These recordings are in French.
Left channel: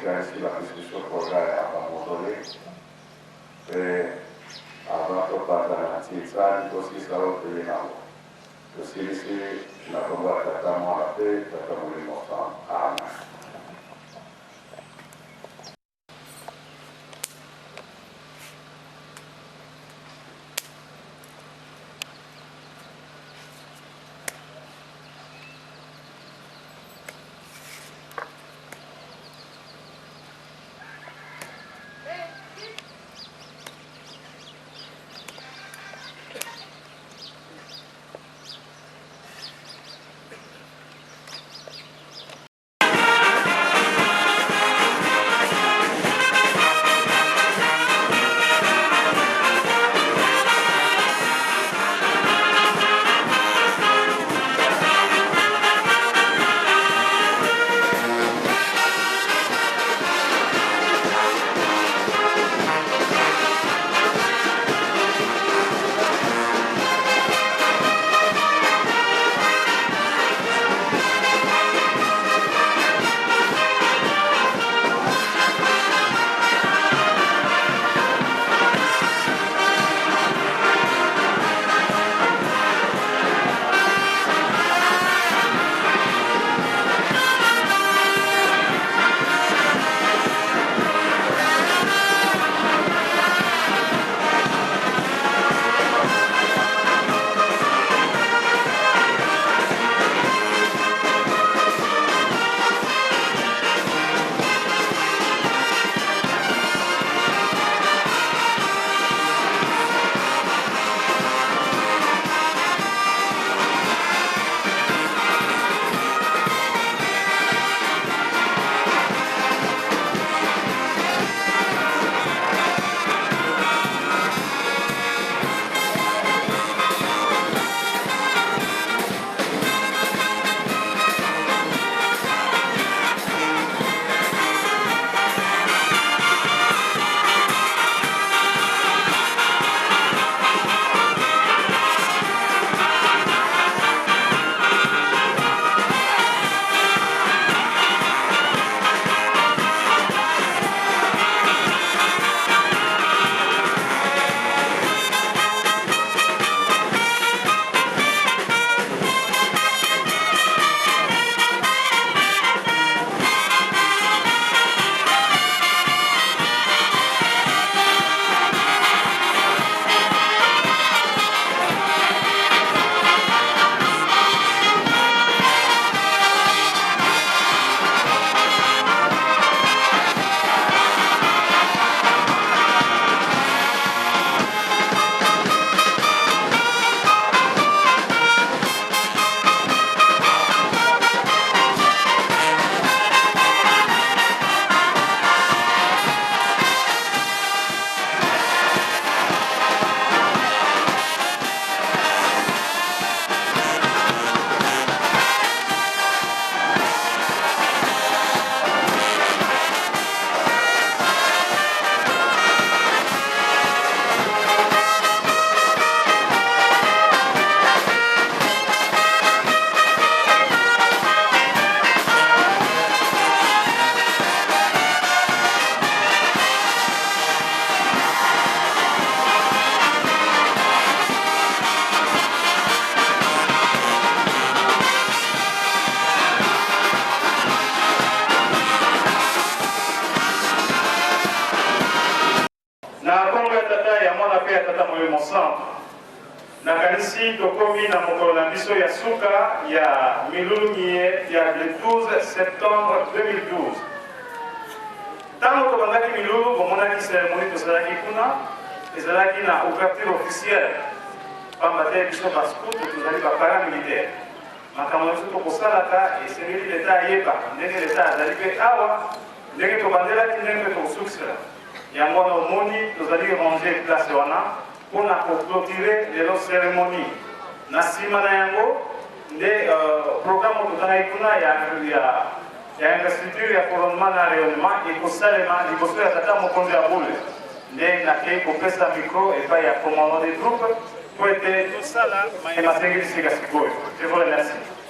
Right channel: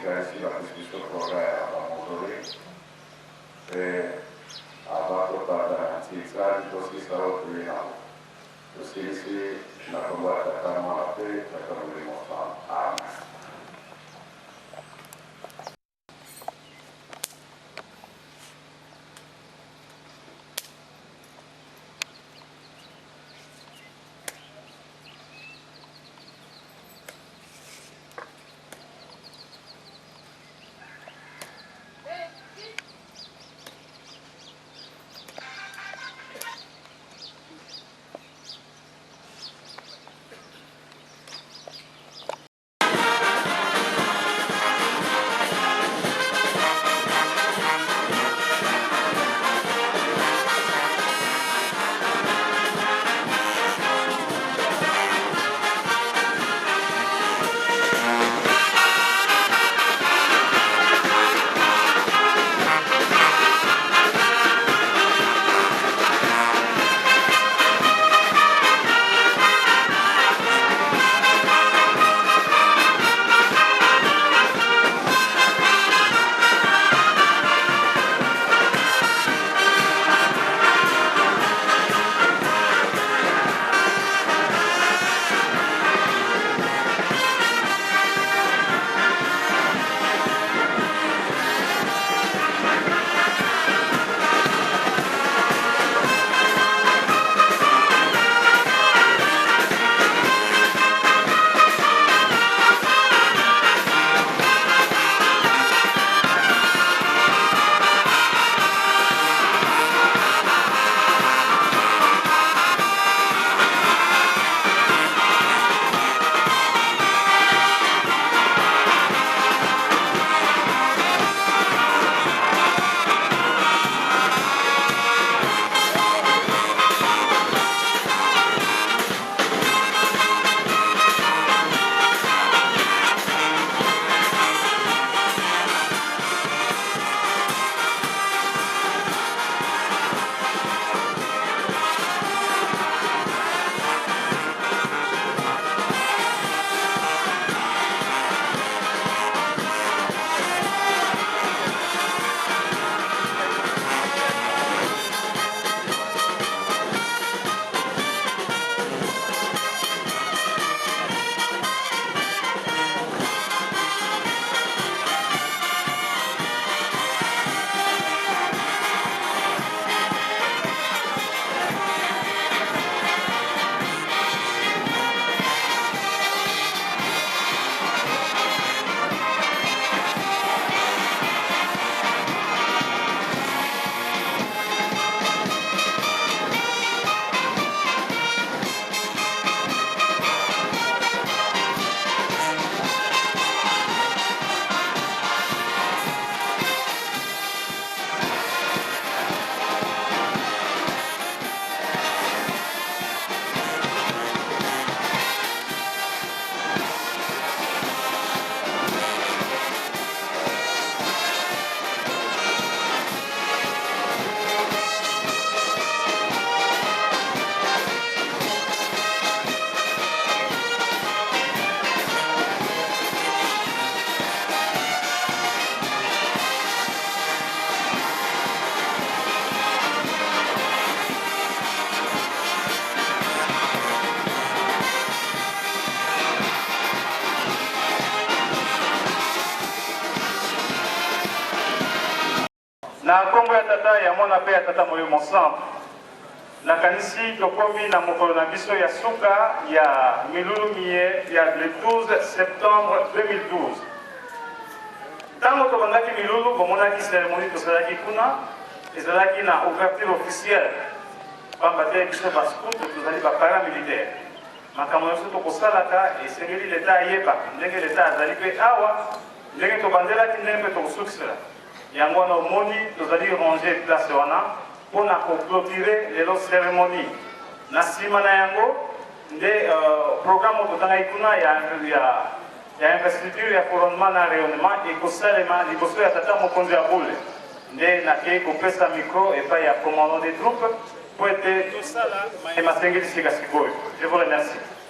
tofika ainsi la discussion projet à Montolé. Et avant de parler de la Tizane, tout ce qui sera au pays là. Tout ce qui est ici, la combat de la paix, de la Amen. na Kongo ya tata ya mwana pe ya tata moyo mosantu na kanisi tokomi na mokolo na biso ya suka ya milulungie ya le 12 septembre 2012 tango tobandaki milulu bomonaki cérémonie tosalaki kuna ezalaki na ouverture officielle pamba te biso bascout tozali baparamilitaire makambo na biso tokosalaka esengeli leta ayeba ndenge leta azali mpe awa ndenge tobandelaki ndenge mpe tokosukisela yango wana omoni tozali ranger place wana mpona koclôturer lelo cérémonie na nsima na yango nde programme totangaki kuna ya investiture ya couronnement na rayonnement ekosalema liboso ya tata mokonzi ya bule nde nakei kopesa micro epai ya commandant des troupes po ete tosala mayema asengeli sika sikoyo. Je vous remercie.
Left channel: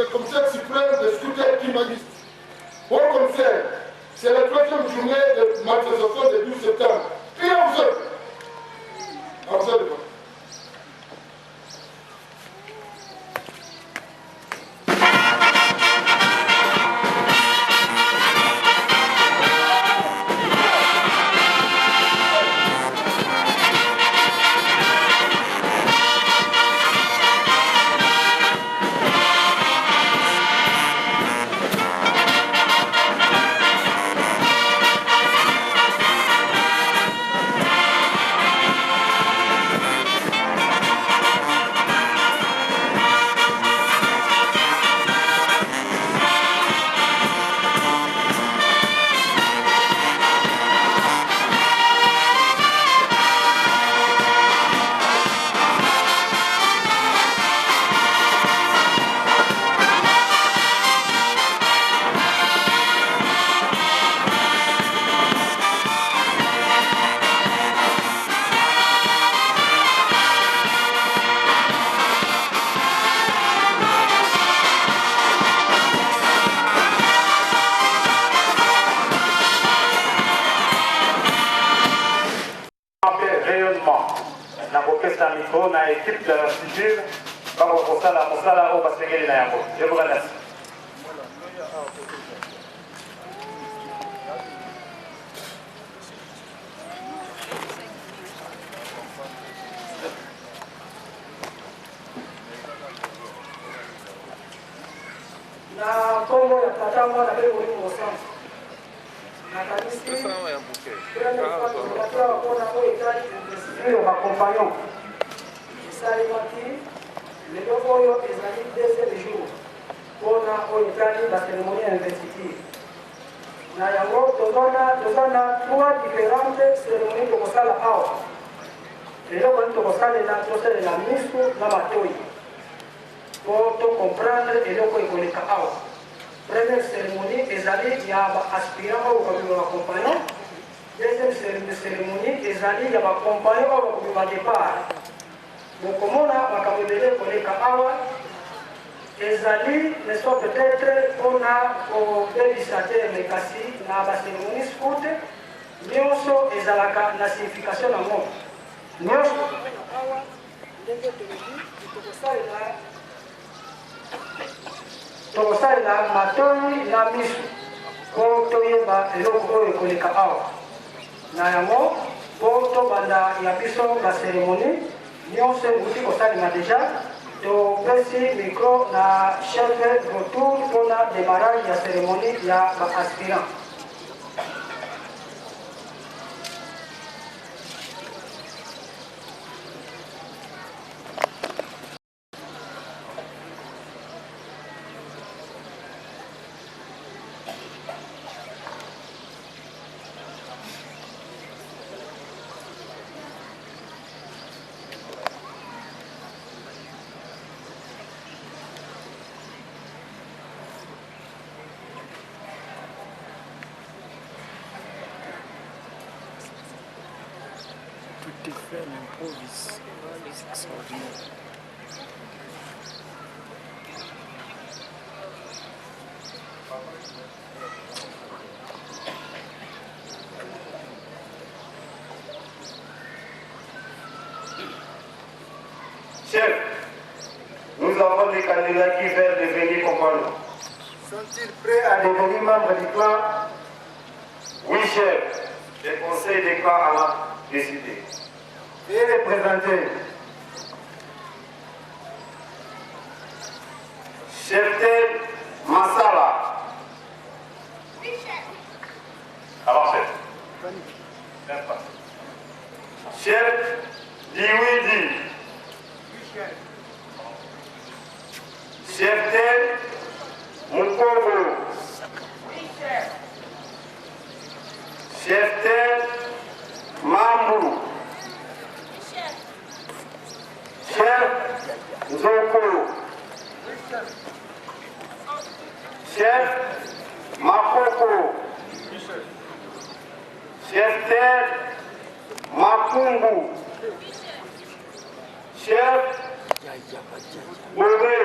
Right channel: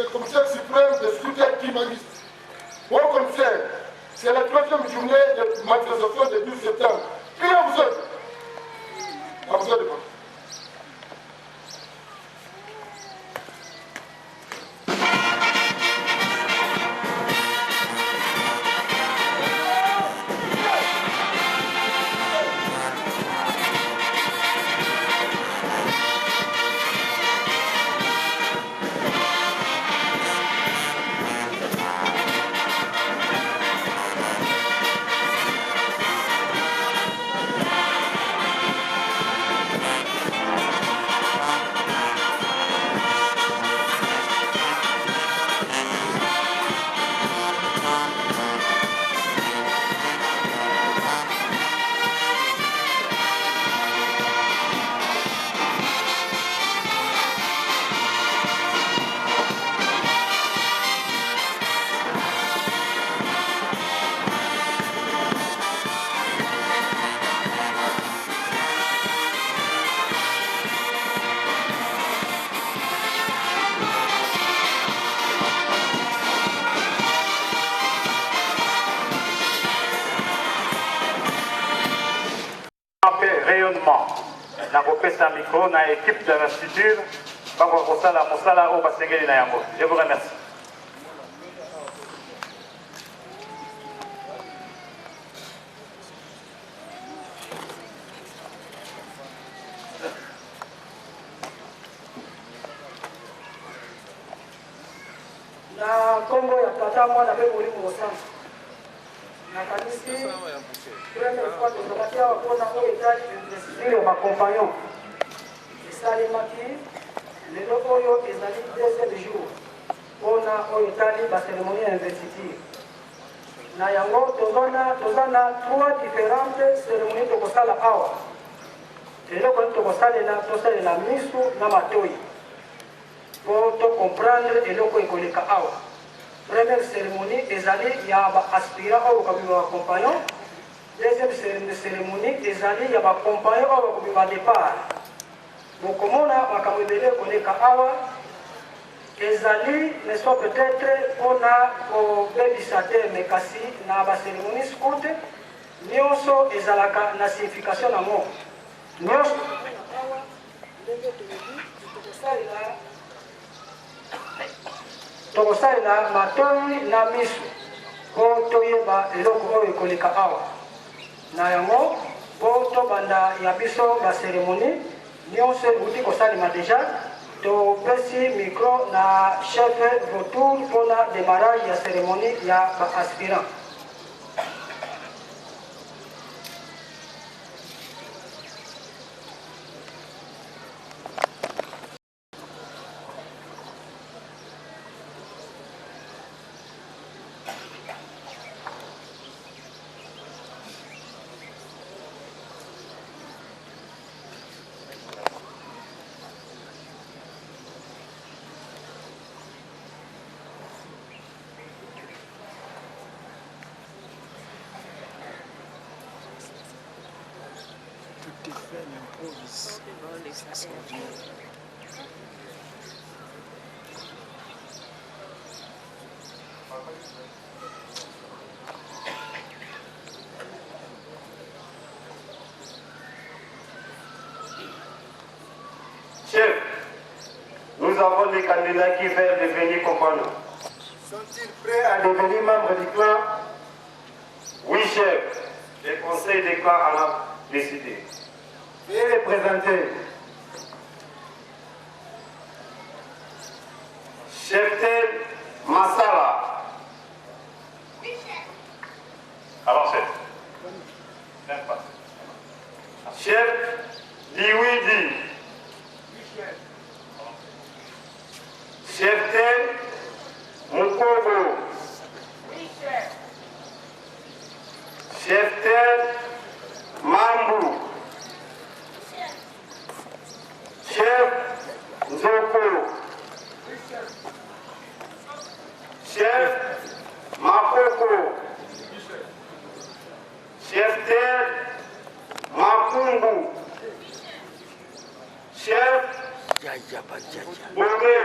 c'est le commissaire suprême des scrutins qui m'a dit. Bon commissaire, c'est la 3e journée de manifestation du 12 septembre. Qui est vous êtes? À vous êtes. La micro na équipe de l'institut bango kosala mosala oyo basengeli na yango. Je vous remercie. Na Congo ya tata mwana pe muri mosamba na kanisi première fois tozalaki awa mpona oyo etali investir ya bacompagnon esalemaki lelo oyo ezali 2e jour mpona oyo etali baceremonie ya investiture na yango toza na 3 différentes cérémonie tokosala awa eloko nini tokosalela misu na matoi po tocomprendre eloko ekoleka awa. Première cérémonie ezali ya baaspirant oyo bakobima bacompagnon. Deuxième cérémonie ezali ya bacompagnon oyo bakobima départ. bokomona makambo ebele ekoleka awa ezali neso peut-être mpona kobebisa te me kasi na baceremonie scout nyonso ezalaka na signification nango nyonso awa ndenge tolobi tokosalela matoi na miso mpo toyeba eloko oyo ekoleka awa na yango mpo tobanda ya biso baceremonie nyonso euti kosalema deja topesi micro na chef retour mpona démarrage ya cérémonie ya baaspirant. Tout est fait à l'improviste. C'est extraordinaire. Chef, nous avons des candidats qui veulent devenir compagnons. Sont-ils prêts à Devenir membres du clan? Oui, chef. Le conseil des clans a décidé. Veuillez les présenter. Cheftel Massala. Alors, chef. Chef Diwidi. Cheftel Mukobo. Cheftel Mambu. Chef Nzoko. Chef Makoko. Cheftel Makungu. Chef Bobé.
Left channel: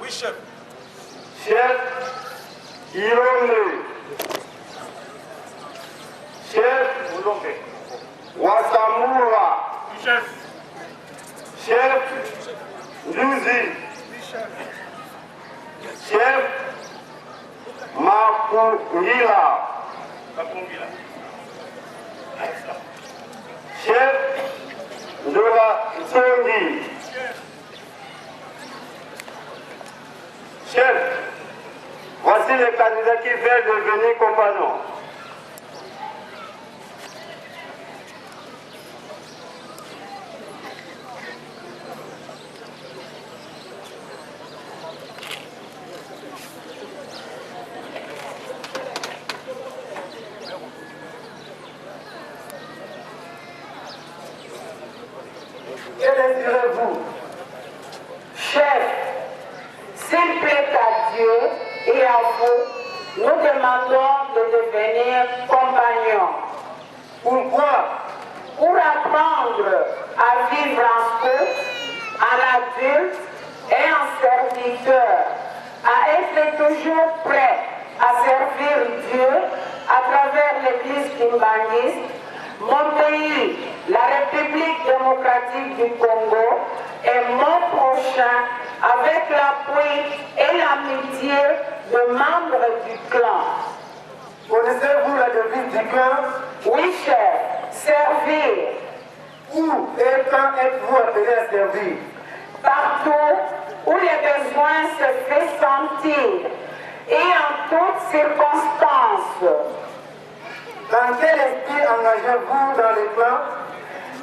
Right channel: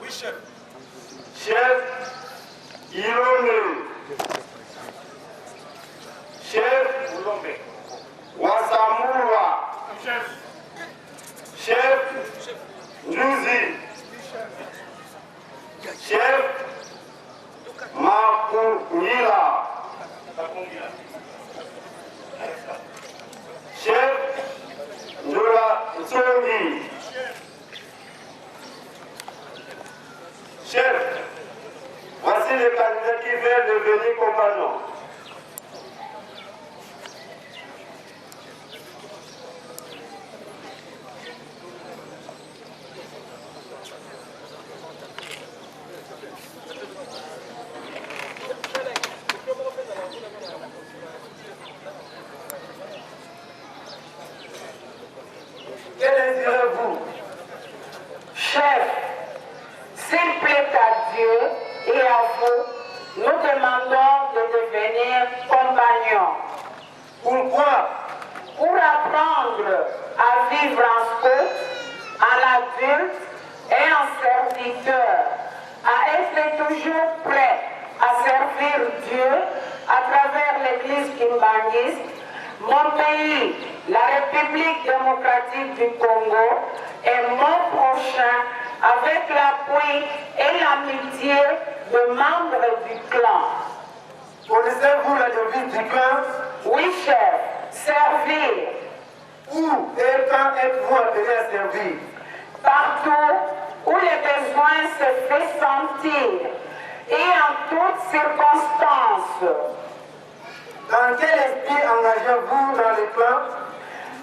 Oui, chef. chef Irone, chef Wasamura, chef Nduzi, chef Makungila, chef Ndola Zondi, chef, voici les candidats qui viennent devenir compagnons. Que direz-vous? Chef, s'il plaît à Dieu et à vous, nous demandons de devenir compagnons. Pourquoi? Pour apprendre à vivre en scout, en adulte et en serviteur, à être toujours prêt à servir Dieu à travers l'Église kimbanguiste, mon pays, la République démocratique du Congo, et mon prochain avec l'appui et l'amitié de membres du clan. Connaissez-vous la devise du clan? Oui, chef, servir. Où et quand êtes-vous appelé à servir? Partout où les besoins se font sentir et en toutes circonstances. Dans quel esprit engagez-vous dans les clans?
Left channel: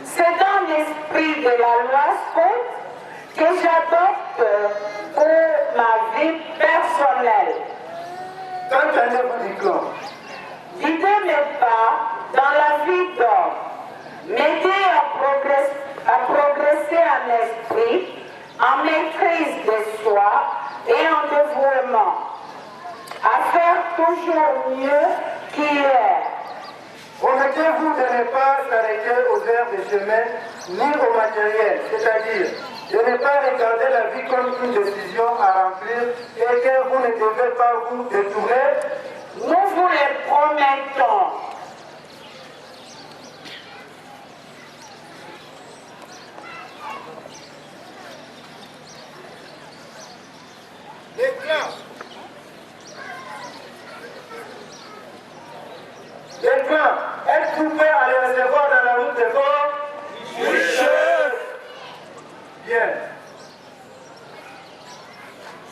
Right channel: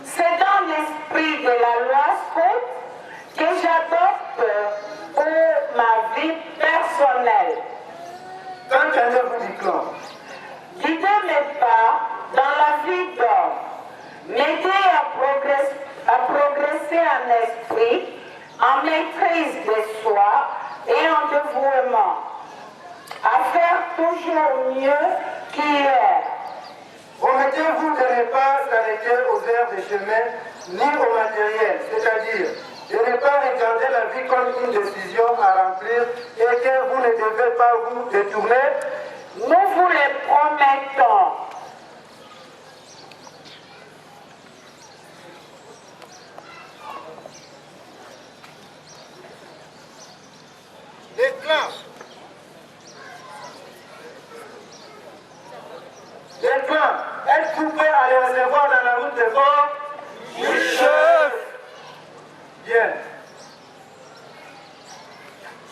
C'est dans l'esprit de la loi scout que j'adopte pour ma vie personnelle. Quand allez-vous du clan? Guider mes pas dans la vie d'homme, m'aider à progresser en esprit, en maîtrise de soi et en dévouement, à faire toujours mieux qu'hier. Promettez-vous de ne pas s'arrêter aux aires des chemins ni au matériel, c'est-à-dire de ne pas regarder la vie comme une décision à remplir et que vous ne devez pas vous détourner? Nous vous le promettons. Les clans. Les clans, êtes-vous prêts à les recevoir dans la route des forts? Oui, chef. Bien.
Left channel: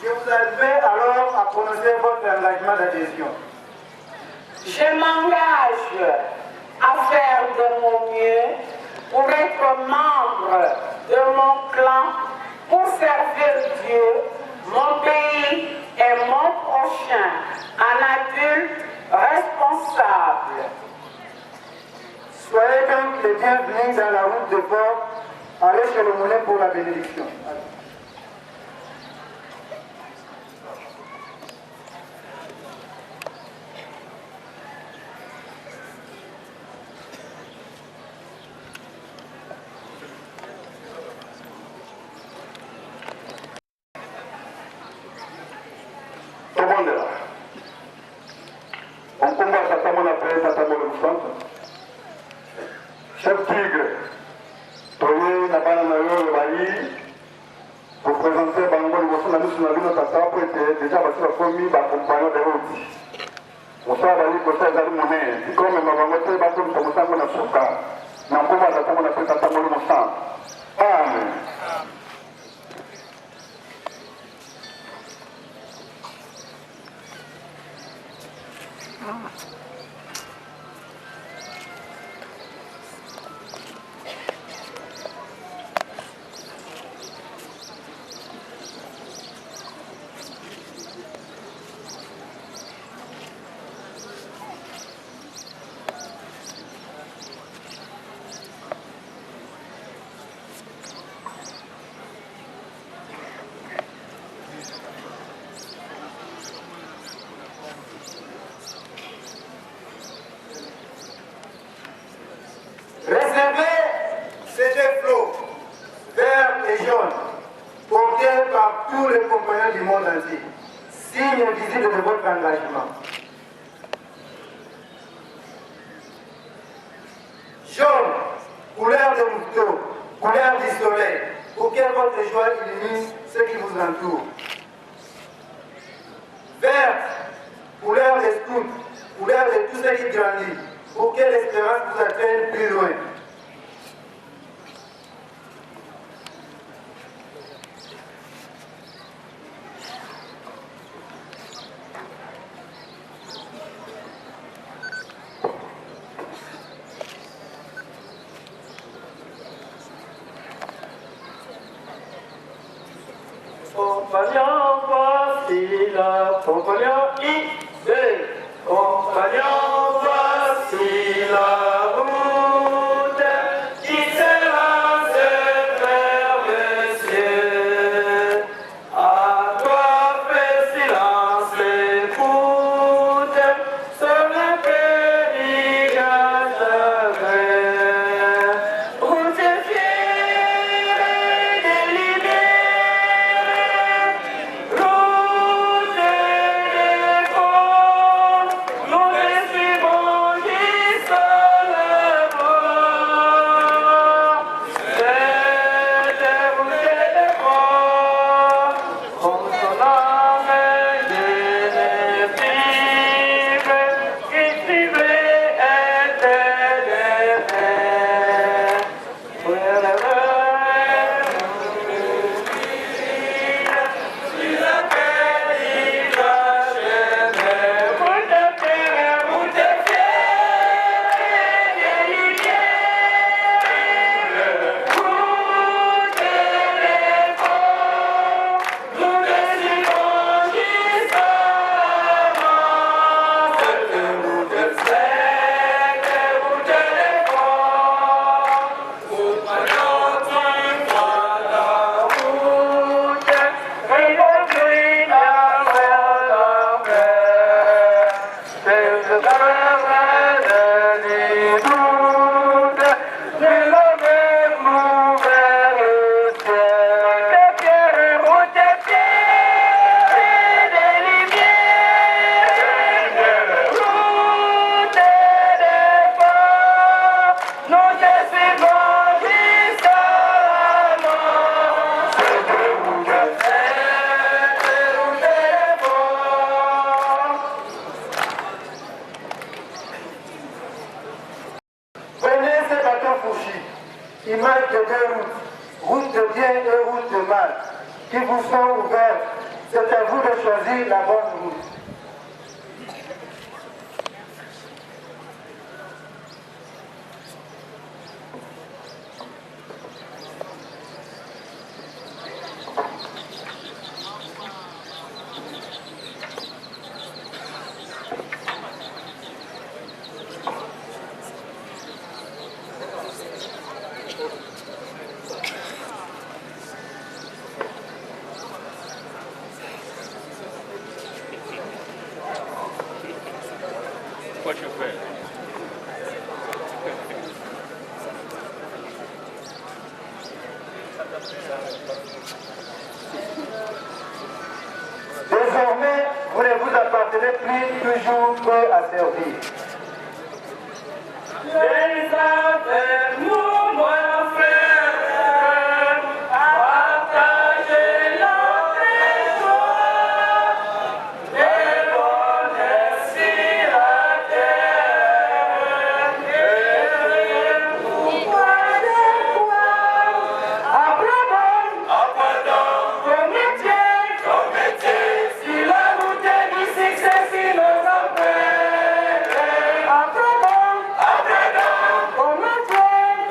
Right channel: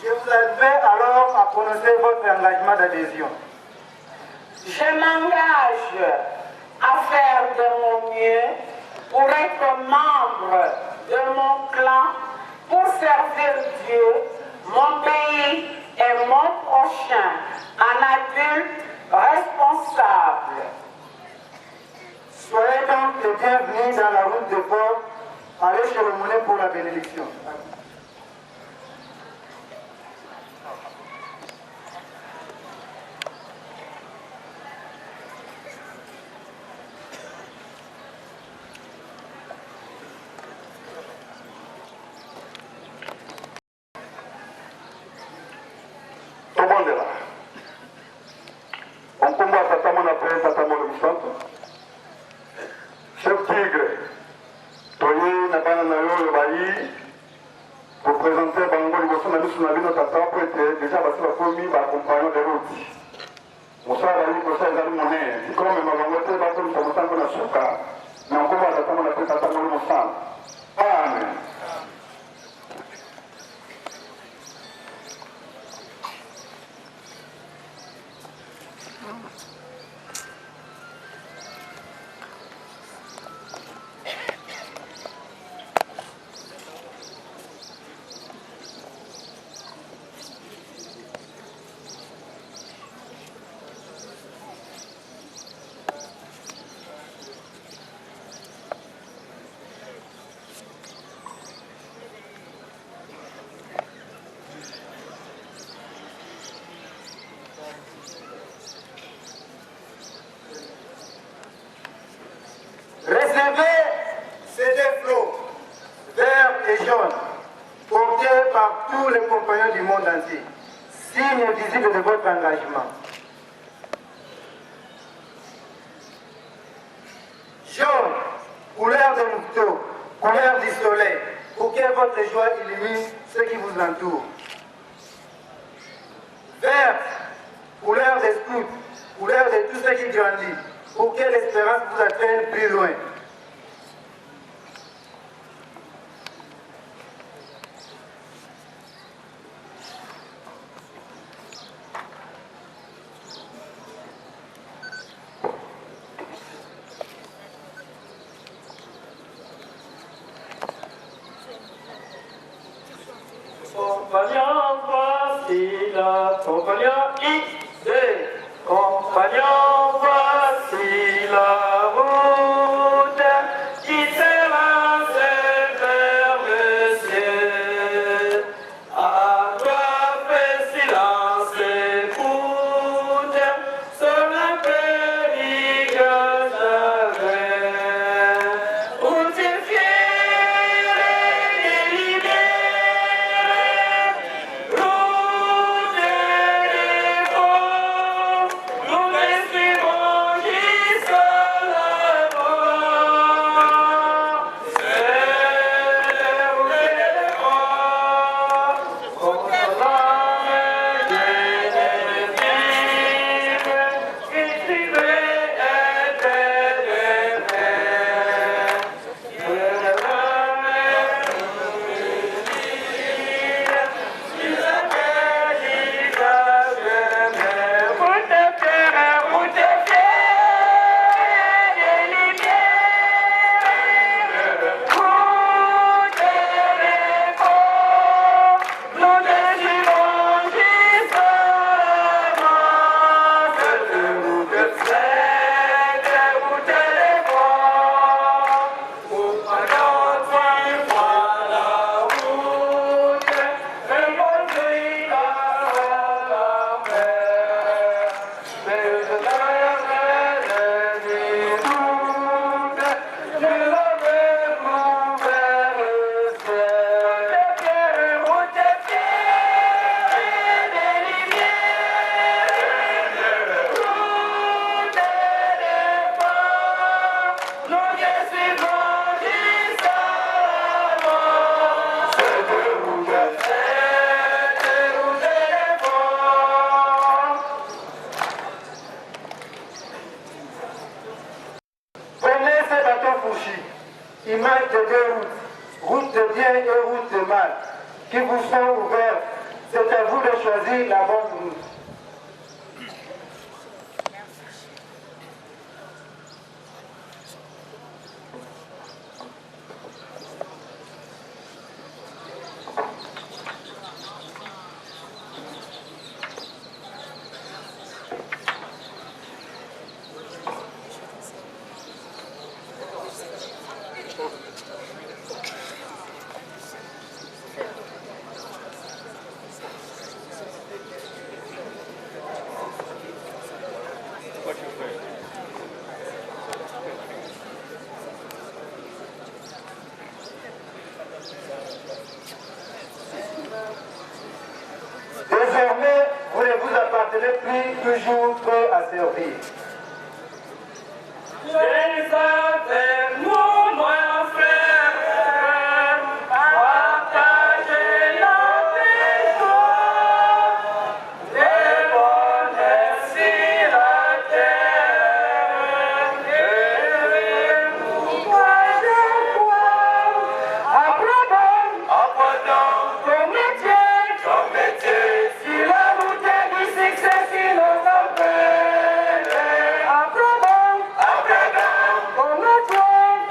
Je vous invite alors à prononcer votre engagement d'adhésion. Je m'engage à faire de mon mieux pour être membre de mon clan, pour servir Dieu, mon pays et mon prochain, un adulte responsable. Soyez donc les bienvenus dans la route de port. Allez chez le moulin pour la bénédiction. Tout le monde est là. On combat Tata Monapé, Tata Molemoussanto. Chef Tigre, Toye Nabana Nayo Bayi, pour présenter Bango Liboso Nabisu Nabino Tata, pour être déjà passé la famille, compagnon de route. Moussa Bayi, Kosa Zali Moné, comme Mamango Té, Bakom Tamosango Nasuka, mais on combat Tata Monapé, Tata Molemoussanto. Amen. signe visible de votre engagement. Jaune, couleur de louveteau, couleur du soleil, pour que votre joie illumine ceux qui vous entourent. Verte, couleur des scouts, couleur de tout ce qui grandit, pour que l'espérance vous atteigne plus loin. Compagnon, voici la compagnon idée. Compagnon, voici la route qui s'élance vers le ciel. À toi, fais silence, écoute, sur la pérille route fière et libérée. Image de deux routes, route de bien et route de mal, qui vous sont ouvertes. C'est à vous de choisir la bonne route. Désormais, vous ne vous appartenez plus, toujours prêt à servir. Les affaires, nous, mon frère, partagez notre joie et bonheur sur la terre. Et pourquoi de quoi? Apprenons comme métier, sur la route du succès, si nos emprunts. Apprenons comme métier.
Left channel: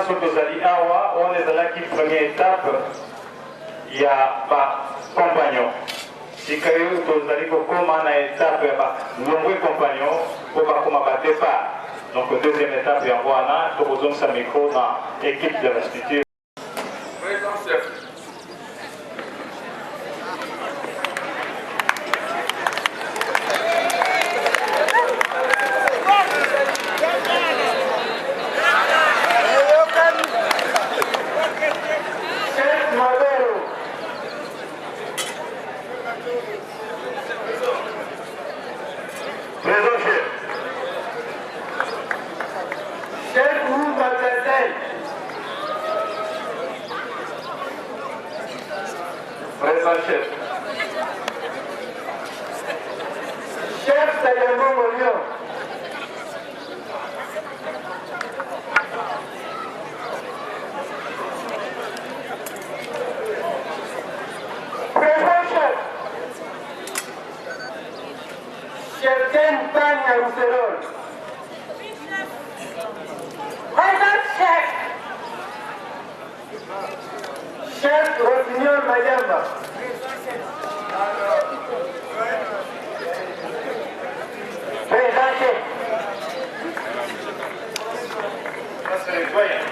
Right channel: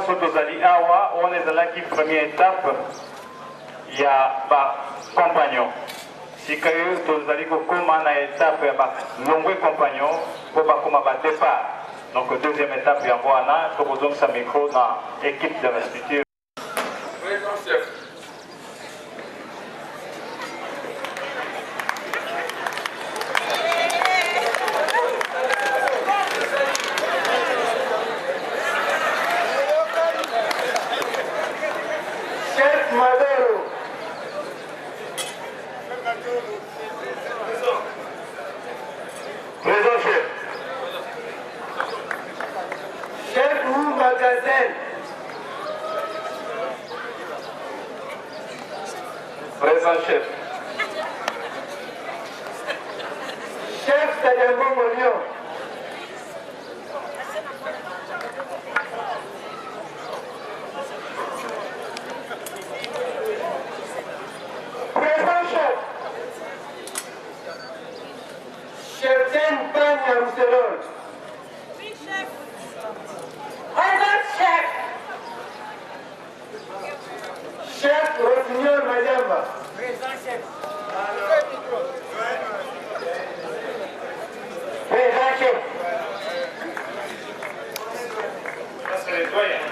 nyonso tozali awa wana ezalaki première étape ya bacompagnon sika oyo tozali kokóma na étape ya balongwe compagnon mpo bakóma badépart. Donc deuxième étape yango wana tokozongisa micro na équipe de restitution. Président chef. Chef Madero. Présent chef. Chef Moumba Gazel. Présent chef. Chef Sagambo Molion. Présent chef. Chef Ken Panya Rousselol. Présent chef. Chef Rossignol Mayamba. Présent chef. Ça c'est les doyens.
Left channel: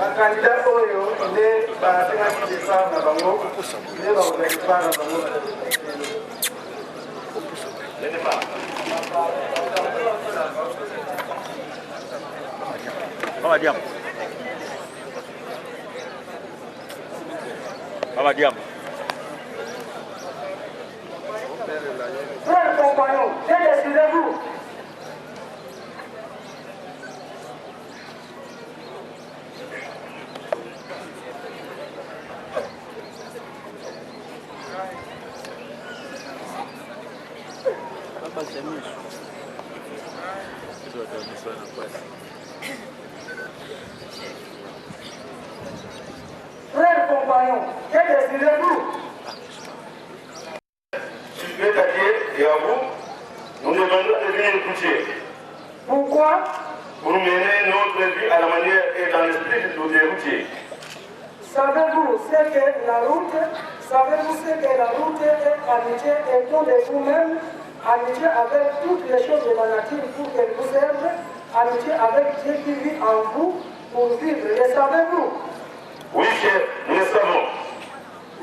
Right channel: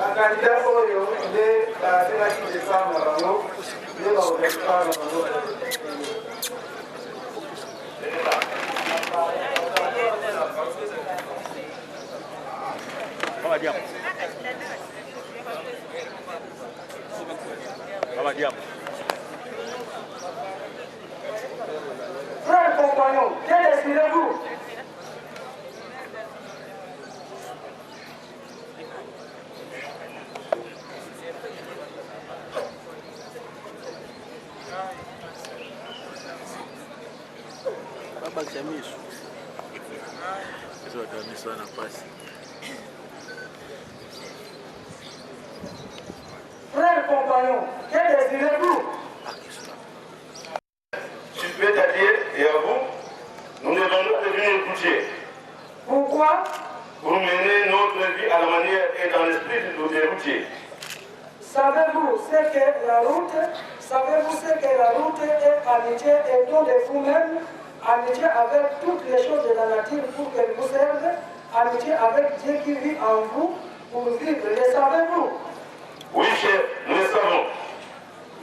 Bakandidat oyo nde batekaki décembre na bango nde bakodepa na bango. Frères compagnons, que décidez-vous? Frères compagnons, que décidez-vous? C'est-à-dire, et à vous, nous demandons de venir écouter Pourquoi? pour mener notre vie à la manière et dans l'esprit des routiers. Savez-vous ce que la route est amitié et don de vous-même, amitié avec toutes les choses de la nature pour qu'elles vous servent, amitié avec Dieu qui vit en vous pour vivre. Le savez-vous? Oui, chef, nous le savons.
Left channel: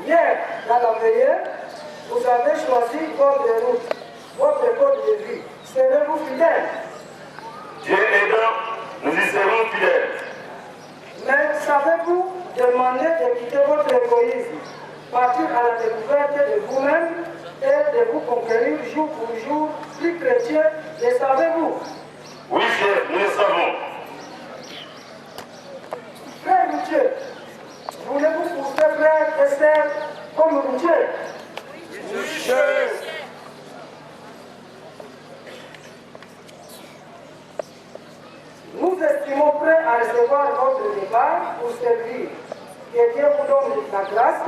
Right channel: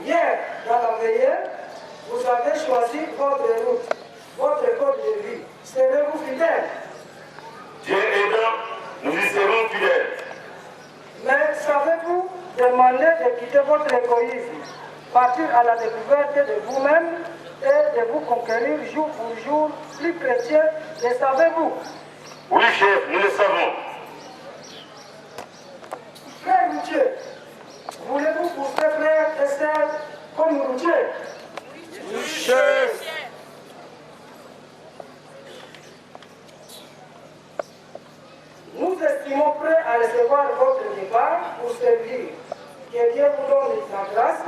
Hier, dans la veillée, vous avez choisi votre route, votre code de vie. Serez-vous fidèles? Dieu aidant, nous y serons fidèles. Mais savez-vous demander de quitter votre égoïsme, partir à la découverte de vous-même et de vous conquérir jour pour jour, plus chrétien, le savez-vous? Oui, chef, nous le savons. Frère routier, voulez-vous pousser frères et sœurs comme routier? Oui, chef. Nous estimons prêts à recevoir votre départ pour servir. Que Dieu vous donne la grâce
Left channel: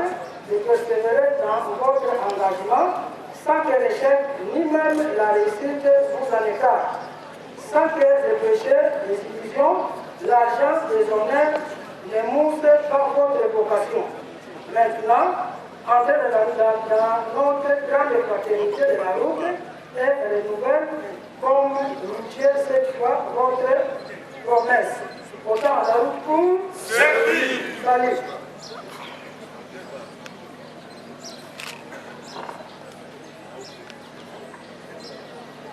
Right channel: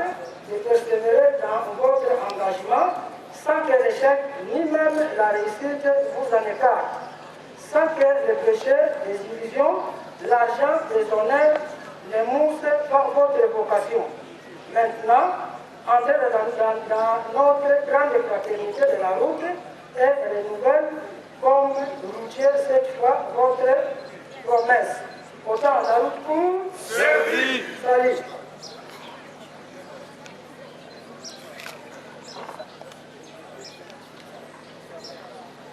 de persévérer dans votre engagement sans que l'échec ni même la réussite vous en écarte, sans que les péchés, les illusions, l'argent, les honneurs ne moussent pas votre vocation. Maintenant, entrez dans notre grande fraternité de la route et renouvelle comme routier cette fois votre promesse. Autant la route pour Servir. salut.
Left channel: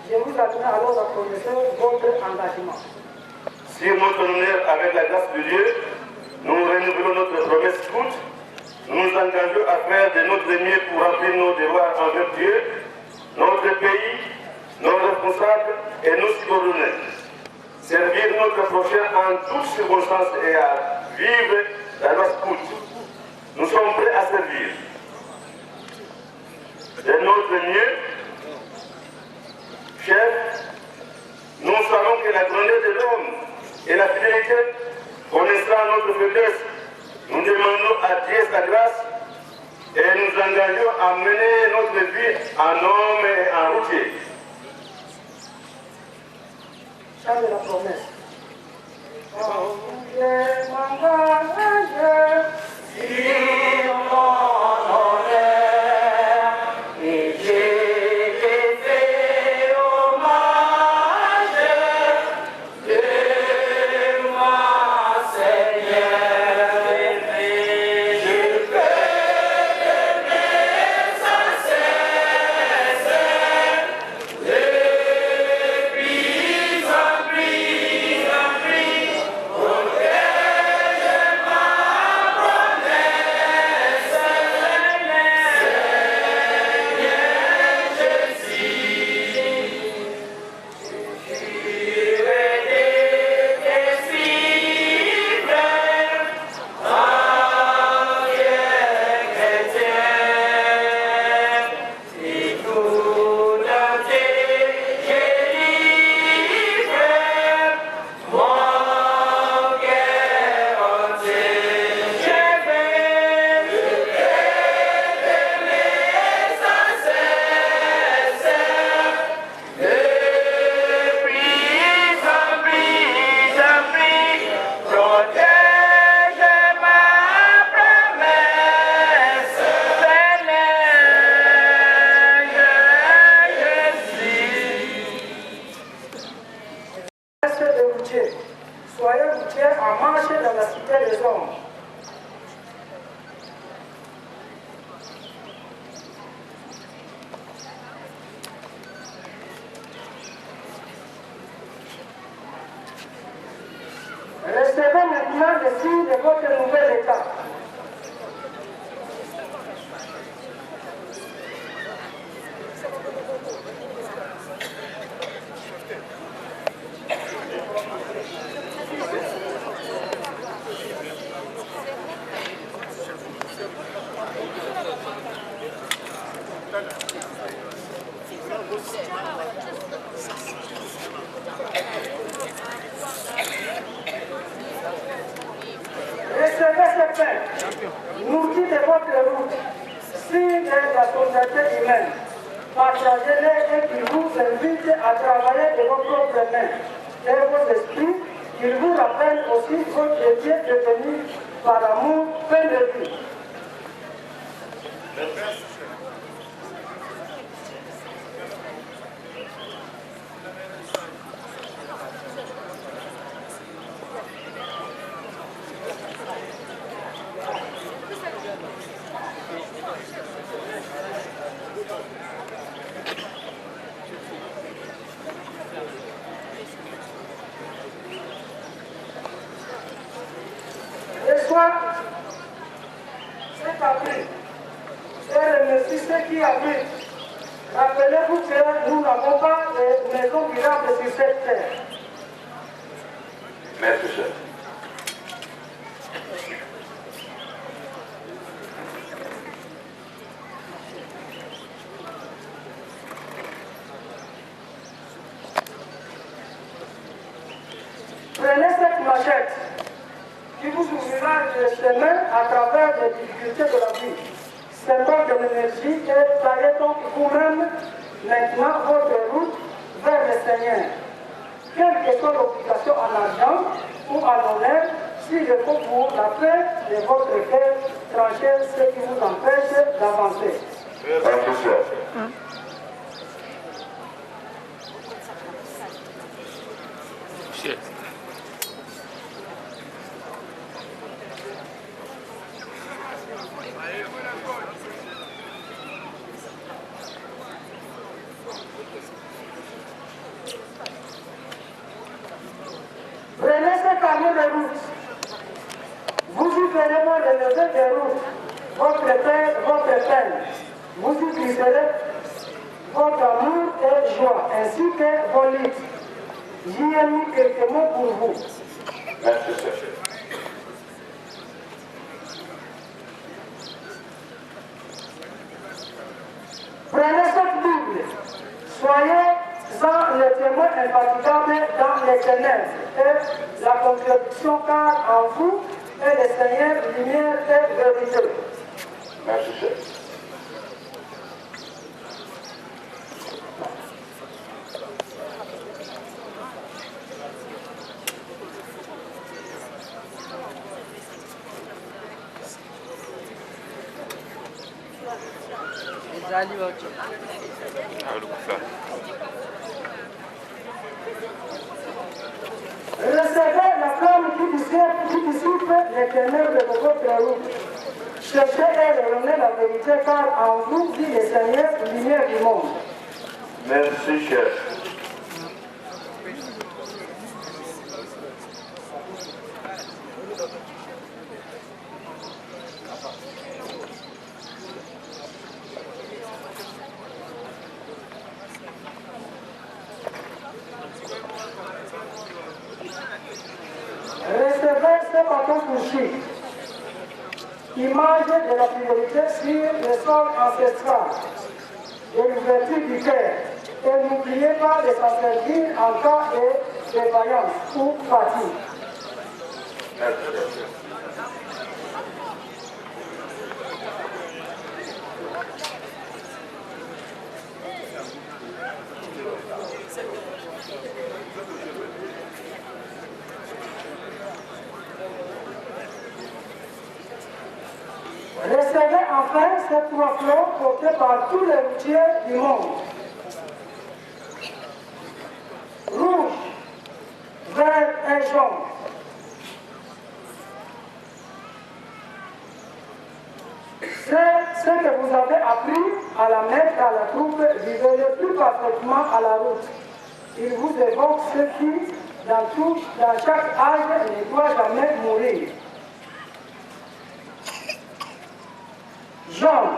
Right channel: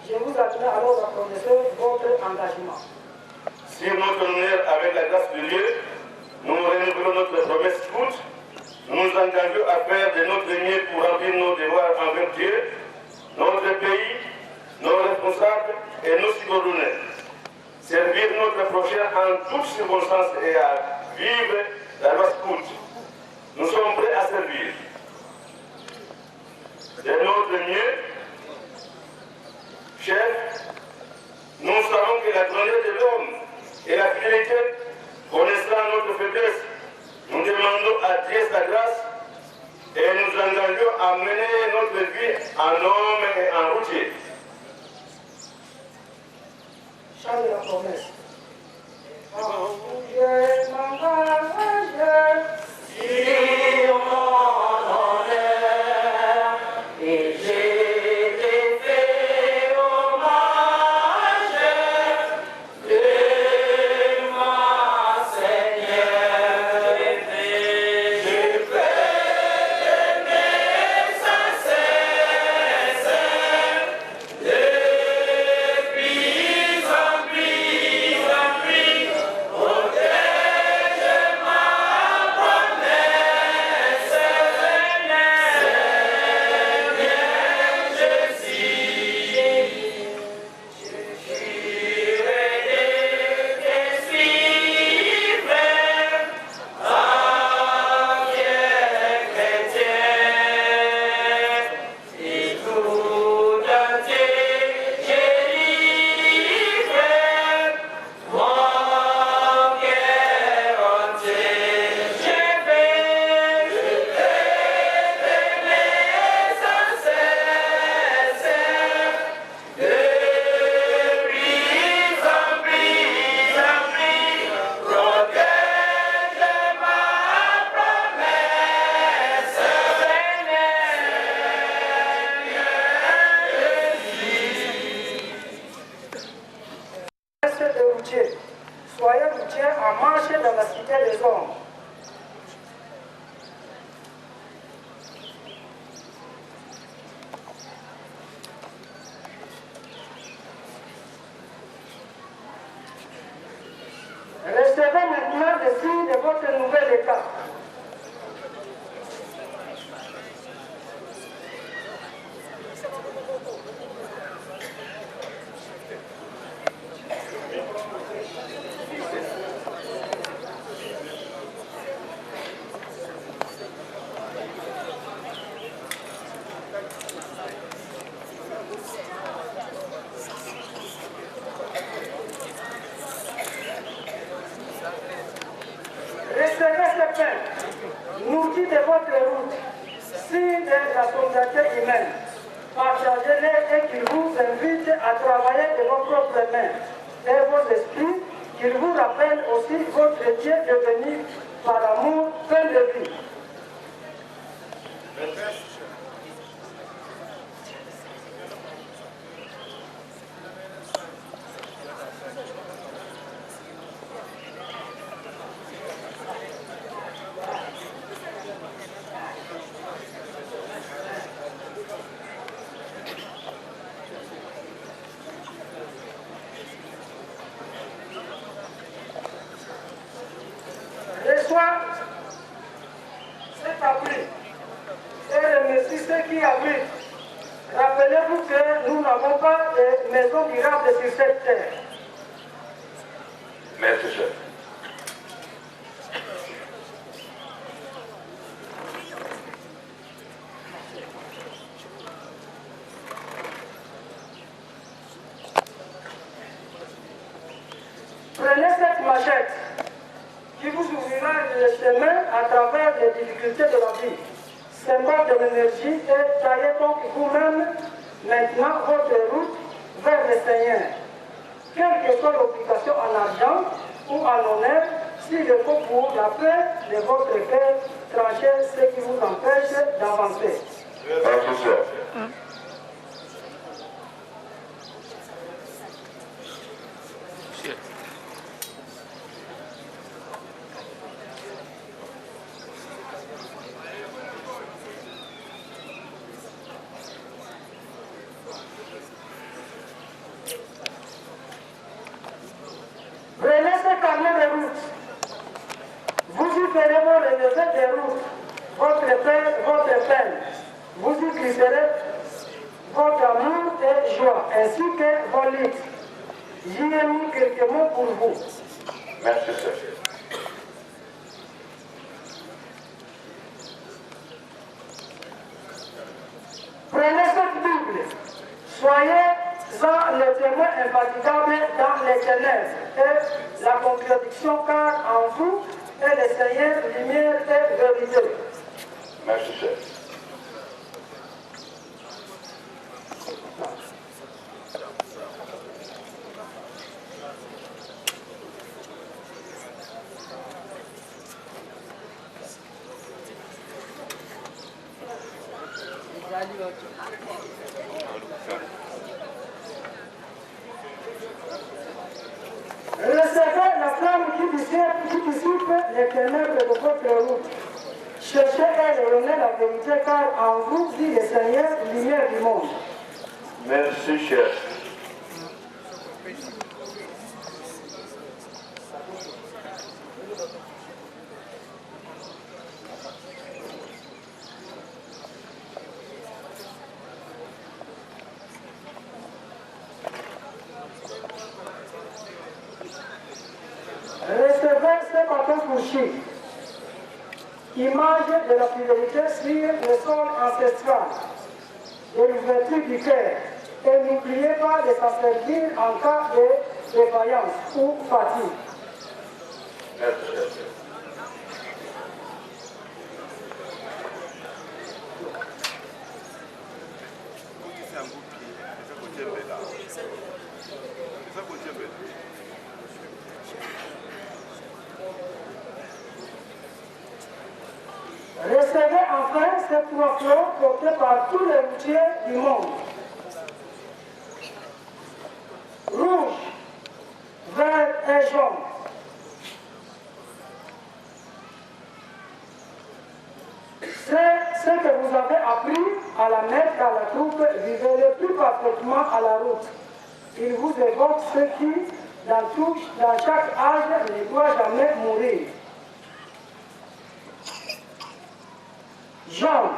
Je vous admets alors à connaître votre engagement. Sur notre honneur, avec la grâce de Dieu, nous renouvelons notre promesse scout. Nous nous engageons à faire de notre mieux pour remplir nos devoirs envers Dieu, notre pays, nos responsables et nos subordonnés. Servir notre prochain en toutes circonstances et à vivre la loi scout. Nous sommes prêts à servir. De notre mieux, chef, nous savons que la grandeur de l'homme et la fidélité connaissant notre faiblesse Nous demandons à Dieu sa grâce et nous engageons à mener notre vie en homme et en routier. Chant de la promesse. Soyez routiers en marche dans la cité des hommes. Recevez maintenant le signe de votre nouvel état. Recevez ce pain, nourri de votre route, signe de la solidarité humaine. Partagez-les et qu'il vous invite à travailler de vos propres mains et vos esprits, qu'il vous rappelle aussi votre Dieu devenu par amour plein de vie. Reçois cet appui et remercie ceux qui abritent. Rappelez-vous que nous n'avons pas de maison durable sur cette terre. Merci, chef. Prenez cette machette qui vous ouvrira le chemin à travers les difficultés de la vie. Symbole de l'énergie et taillez donc vous-même maintenant votre route vers le Seigneur. Quelle que soit l'obligation en argent ou en honneur, s'il le faut pour la paix de votre cœur, tranchez ce qui vous empêche d'avancer. Prenez ce carnet de route. Vous y ferez vos relevés de route, votre peine. Vous y glisserez votre amour et joie, ainsi que vos litres. J'y ai mis quelques mots pour vous. Merci, chef. Prenez cette Bible. Soyez-en les témoins infatigables dans les ténèbres et la contradiction, car en vous est les Seigneurs, lumière et vérité. Merci, chef. Recevez la flamme qui dissipe les ténèbres de votre route. Cherchez et rayonnez la vérité, car en vous vit le Seigneur, lumière du monde. Merci, chef. Recevez ce bâton couché, image de la fidélité sur le sol ancestral, de l'ouverture du cœur. Et n'oubliez pas de s'en servir en cas de défaillance ou fatigue. Merci, chef. Recevez enfin ces trois fleurs portées par tous les routiers du monde. Rouge, vert et jaune. C'est ce que vous avez appris à la mettre à la troupe, vivez-le plus parfaitement à la route. Il vous évoque ce qui, dans chaque âge, ne doit jamais mourir. Jaune,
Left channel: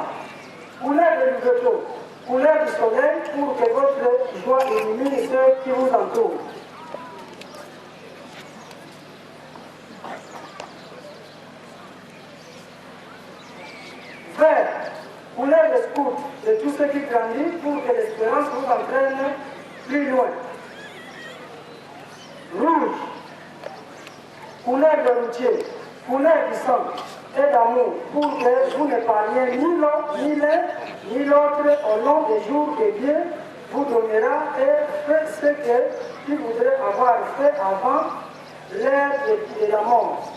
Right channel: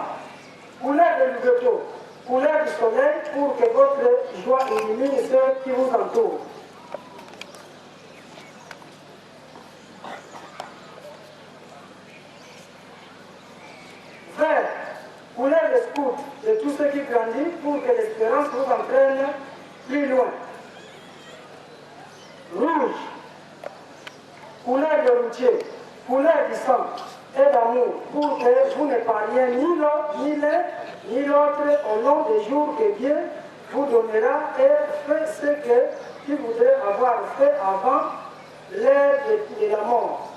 couleur de l'ouverture, couleur du soleil pour que votre joie illumine ceux qui vous entourent. Vert, couleur de scout, de tout ce qui grandit pour que l'espérance vous entraîne plus loin. Rouge, couleur de routier, couleur du sang et d'amour pour que vous ne parliez ni l'un ni l'autre au long des jours que Dieu vous donnera et faites ce que tu voudrais avoir fait avant l'heure de la mort.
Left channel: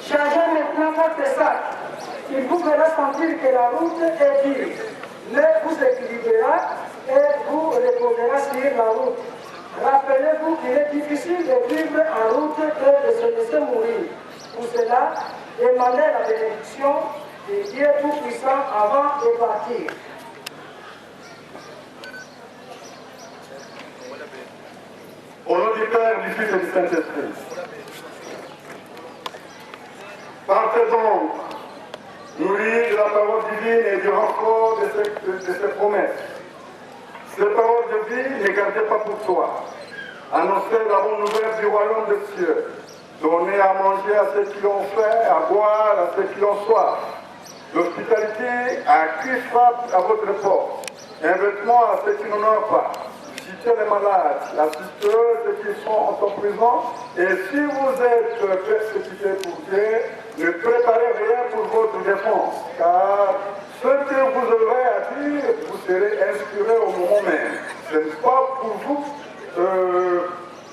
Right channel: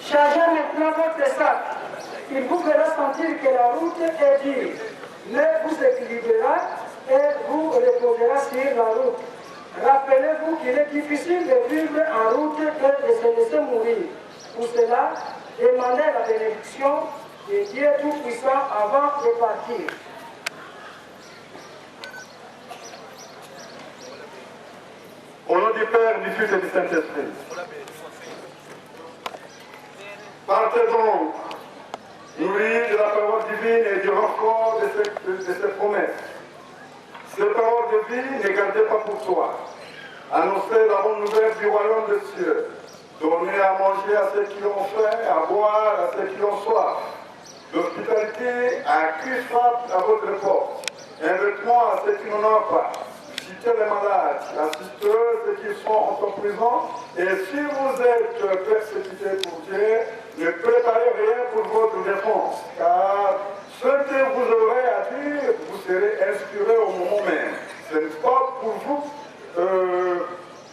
Chargez maintenant votre sac. Il vous fera sentir que la route est dure, mais vous équilibrera et vous reposera sur la route. Rappelez-vous qu'il est difficile de vivre en route et de se laisser mourir. Pour cela, demandez la bénédiction de Dieu Tout-Puissant avant de partir. Au nom du Père, du Fils et du Saint-Esprit. Partez donc, nourris de la parole divine et du renfort de ses promesses. Ces paroles de vie, ne gardez pas pour toi. Annoncez la bonne nouvelle du royaume des cieux. Donnez à manger à ceux qui l'ont faim, à boire à ceux qui l'ont soif. L'hospitalité a cru frappe à votre porte. Un vêtement à ceux qui n'en ont pas. Visitez les malades, assistez ceux qui sont en prison. Et si vous êtes persécutés pour Dieu, ne préparez rien pour votre défense. Car ce que vous aurez à dire, vous serez inspiré au moment même. Ce n'est pas pour vous.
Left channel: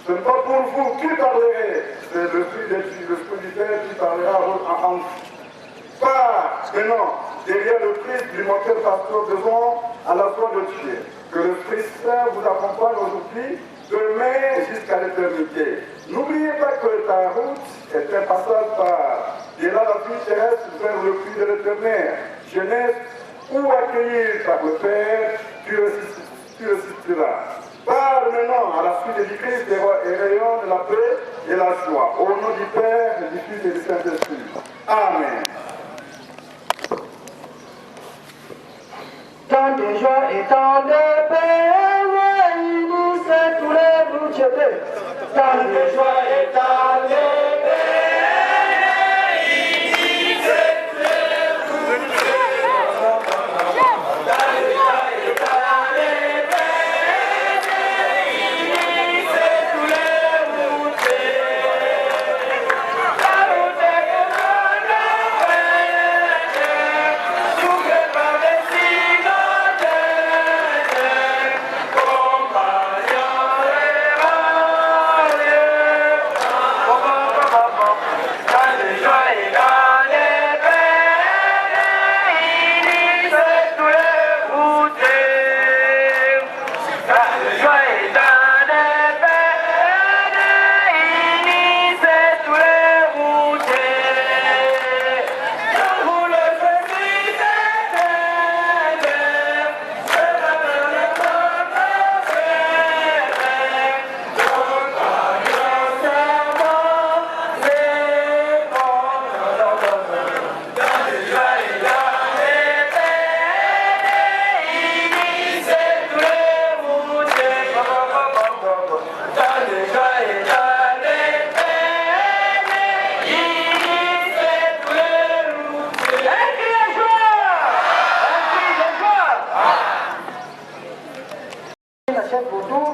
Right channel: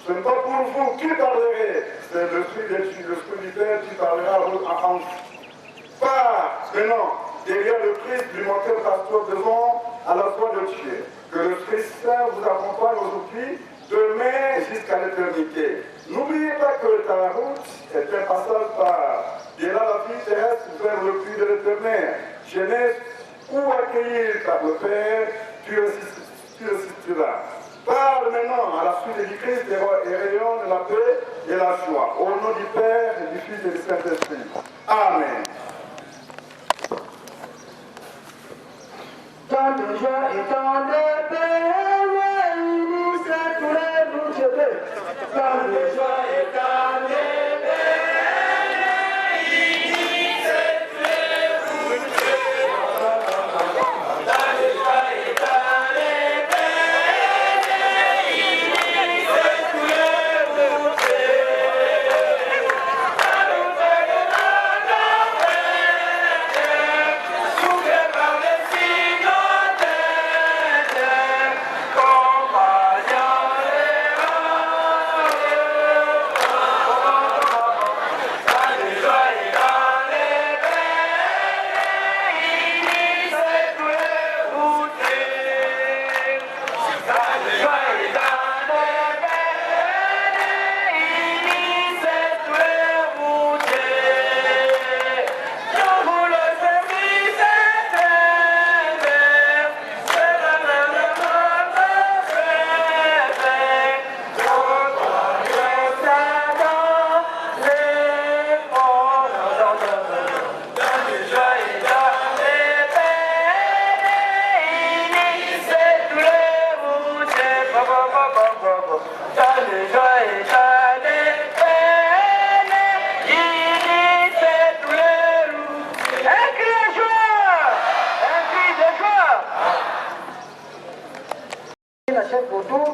Ce n'est pas pour vous qui parlerez, c'est l'Esprit du Père qui parlera en vous. Par maintenant, derrière le Christ, l'immortel pasteur devant à la foi de Dieu. Que l'Esprit Saint vous accompagne aujourd'hui, demain jusqu'à l'éternité. N'oubliez pas que ta route est un passage par de là la vie terrestre vers le puits de l'éternel. Jeunesse, où accueillir par le Père, tu résisteras. Parle maintenant à la suite du Christ et rayonne la paix et la joie. Au nom du Père, du Fils et du Saint-Esprit. Amen. Tant de joie et tant de paix, réunissez tous les bouts de paix. Tant de joie et tant de paix, réunissez tous les bouts de paix. Tant de joie et tant de paix.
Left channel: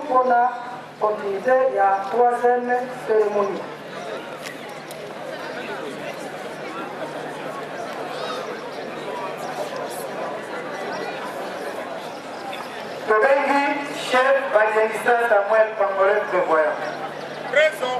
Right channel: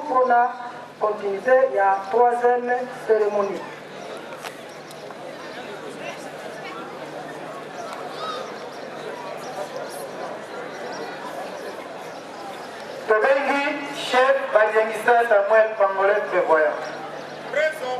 Pour la continuité, il y a troisième cérémonie. Tobengi, chef Badianista Samuel Pangolais prévoyant. Présent.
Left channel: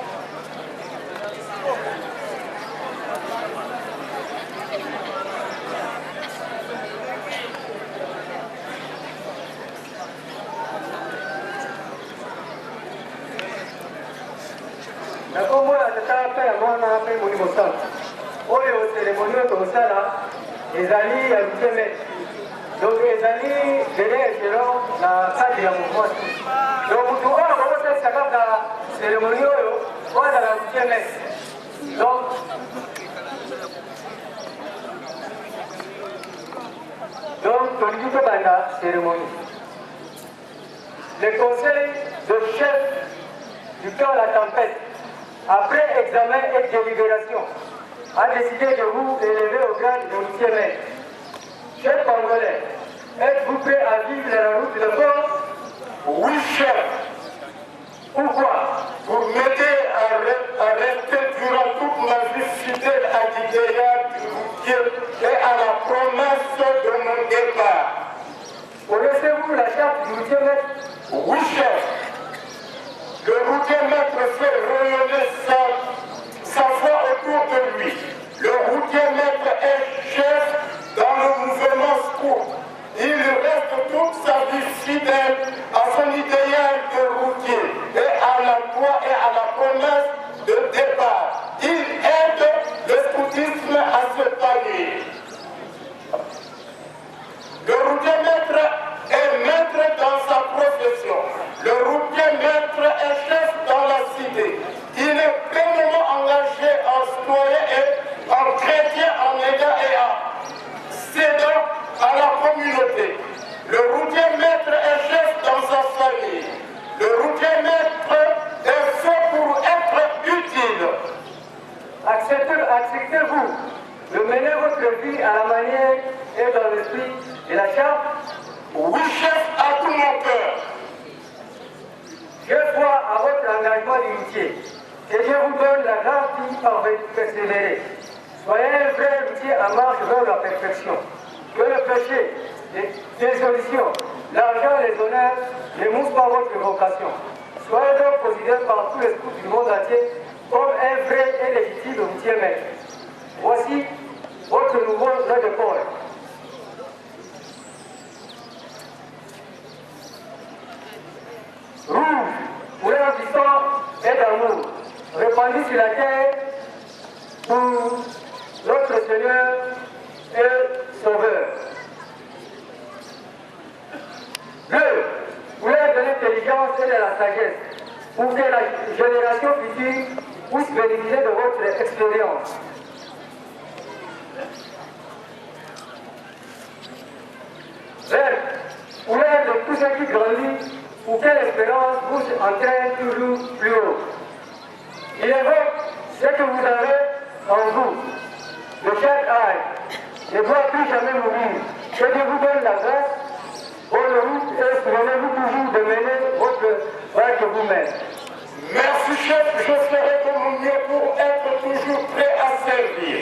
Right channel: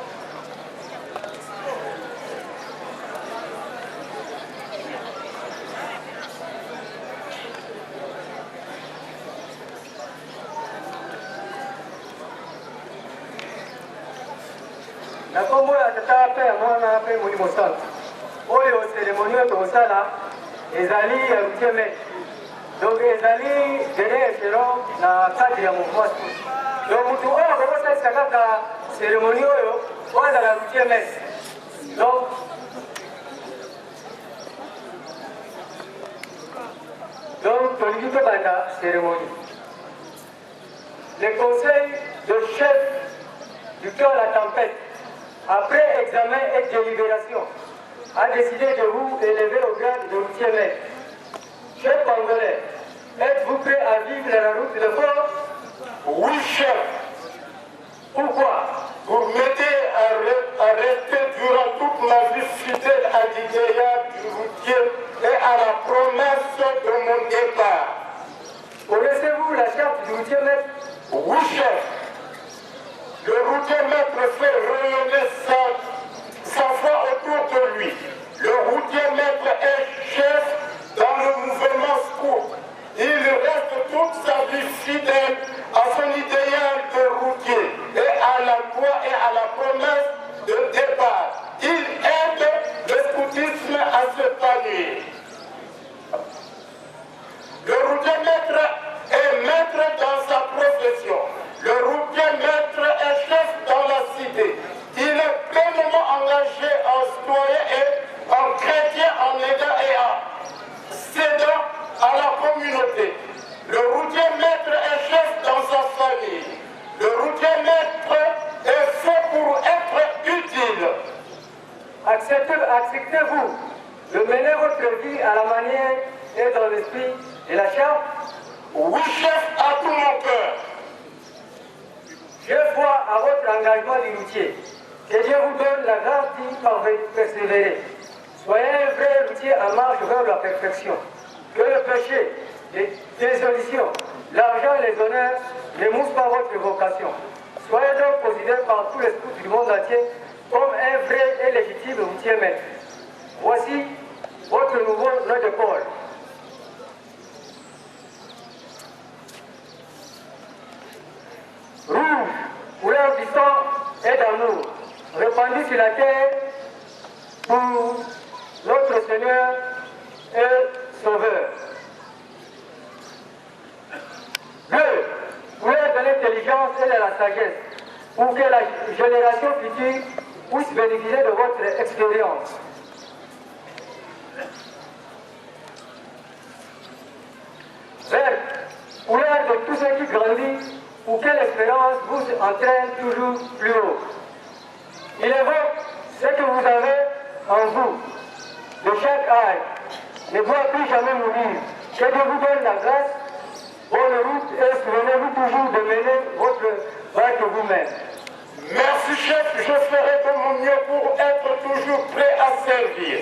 Na kombo ya tata pe ya mwana pe moni mosala oyo cérémonie oyo tozosala ezali ya luteme donc ezali dele echelon na cadre ya mouvement donc mutu oyo bakosalisa kaka cérémonie oyo ozala luteme donc tolingi tobanda cérémonie. Le conseil de chef du cœur de la tempête, après examen et délibération, a décidé de vous élever au grade de routier-maître. Chef Congolais, êtes-vous prêt à vivre la route de force? Oui, chef. Pourquoi? Pour m'aider à rester durant toute ma vie fidèle à l'idéal du routier et à la promesse de mon départ. Connaissez-vous la charte du routier-maître? Oui, chef. Le routier-maître fait rayonner sa foi autour de lui. Le routier-maître est chef dans le mouvement scout. Il reste toute sa vie fidèle à son idéal de routier et à la loi et à la promesse de départ. Il aide le scoutisme à se palier. Le routier-maître est maître dans sa profession. Le routier-maître est chef dans la cité. engagé en citoyen et en chrétien en aidant et en cédant à la communauté. Le routier maître est chef dans sa famille. Le routier maître est fait pour être utile. Acceptez-vous de mener votre vie à la manière et dans l'esprit de la charte? Oui, chef, à tout mon cœur. Je crois à votre engagement du routier. Que Dieu vous donne la grâce d'y persévérer. Soyez un vrai routier en marche vers la perfection. Que le péché, les désolutions, l'argent, les honneurs ne moussent pas votre vocation. Soyez donc considérés par tous les scouts du monde entier comme un vrai et légitime routier maître. Voici votre nouveau nom de corps. Rouge, couleur du sang et d'amour, répandu sur la terre pour notre Seigneur et Sauveur. Bleu, couleur de l'intelligence et de la sagesse, pour que la génération future puisse bénéficier de votre expérience. Vert, couleur de tout ce qui grandit, pour que l'espérance vous entraîne toujours plus haut. Il évoque ce que vous avez en vous, de chaque âge, ne doit plus jamais mourir. Que Dieu vous donne la grâce, bonne route et souvenez-vous toujours de mener votre barque vous-même. Merci chef, je ferai de mon mieux pour être toujours prêt à servir.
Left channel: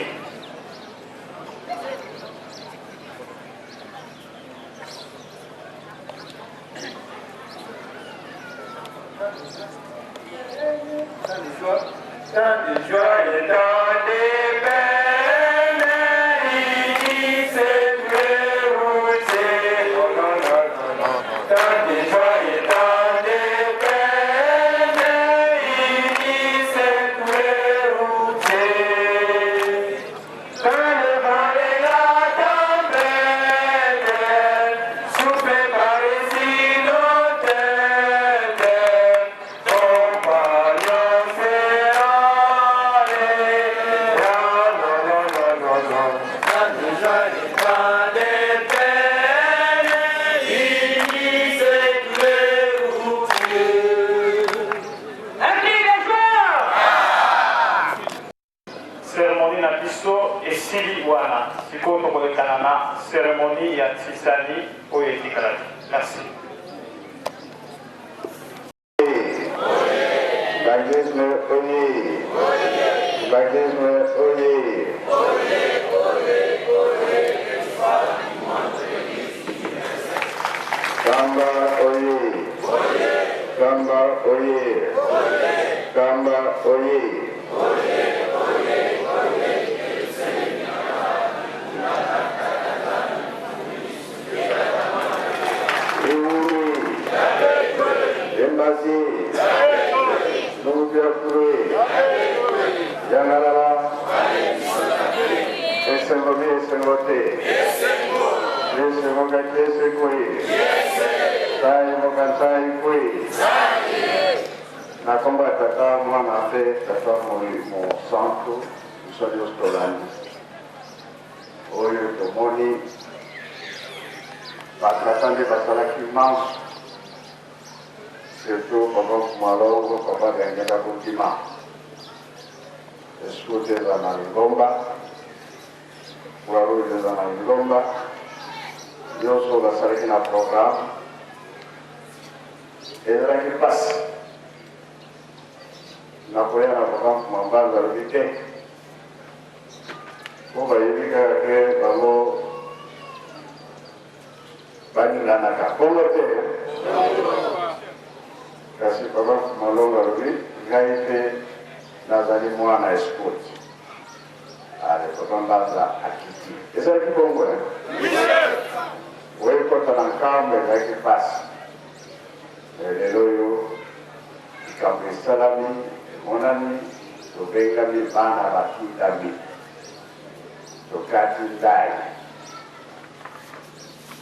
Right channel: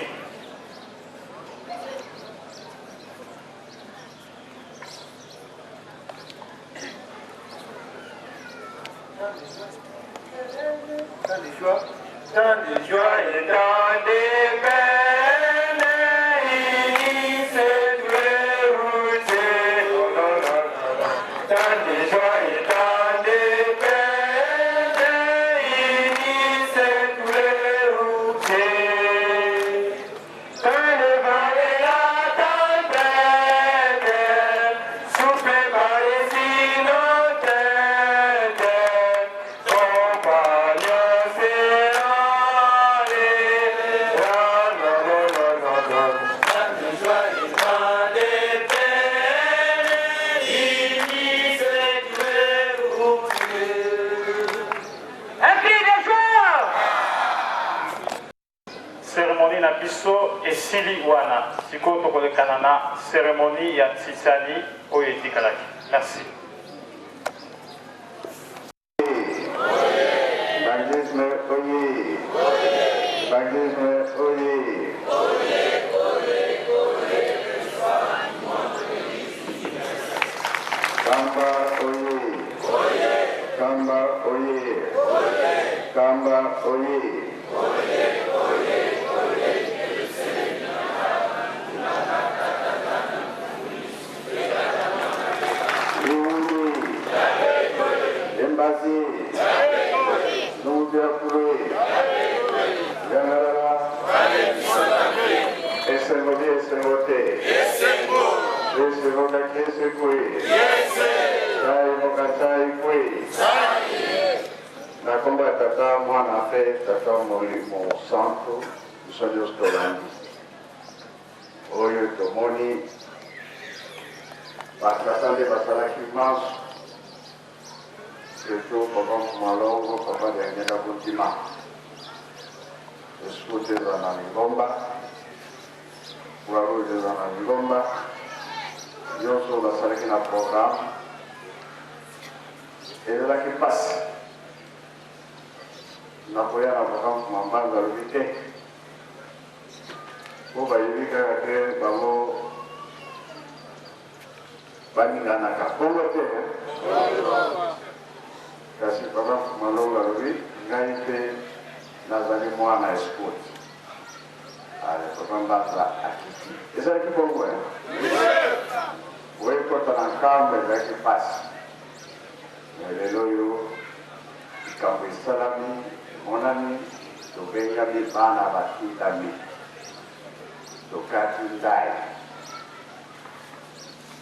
Tant de joie et tant de peine, il s'est trouvé routier. Tant de joie et tant de peine, il s'est trouvé routier. Quand le vent et la tempête soufflent par les inondés, compagnon s'est cérémonie na biso esili wana sikoyo tokolekana na cérémonie ya tisani oyo etikalaki. Merci. Bagisme oye. Bagisme oye. Kamba oye. Kamba oye. Kamba oye. Embasi, Numudirakure, Yangarara, Esengobi, Esengote, Esengoga, Esengoe, Tai Moga, Tai Kwe, Nakomba Tata, Mwana Fe, Tata Mo Santo, Sodios Tolani, Oyo Tomoni, Batratande Batalaki Manche, surtout pendant que Malo, pendant que Nyaka Boutima, escute za Nalingomba, Uraru za Nalingomba, Yoso la Sariki na programme, et de là qui passe, Napoya na programme pour m'emballer dans le week-end, pour Bayevika créer Babo, Baninganaka, pour le terrain. Kasi baba malonga rubi ngai pe nazali mwana escort ale baba mbaza akiti eza kibongo wewe kota na kamwe za kipasi lelo yo ikambe salami monani tobenga mi bana batutami tokati ndai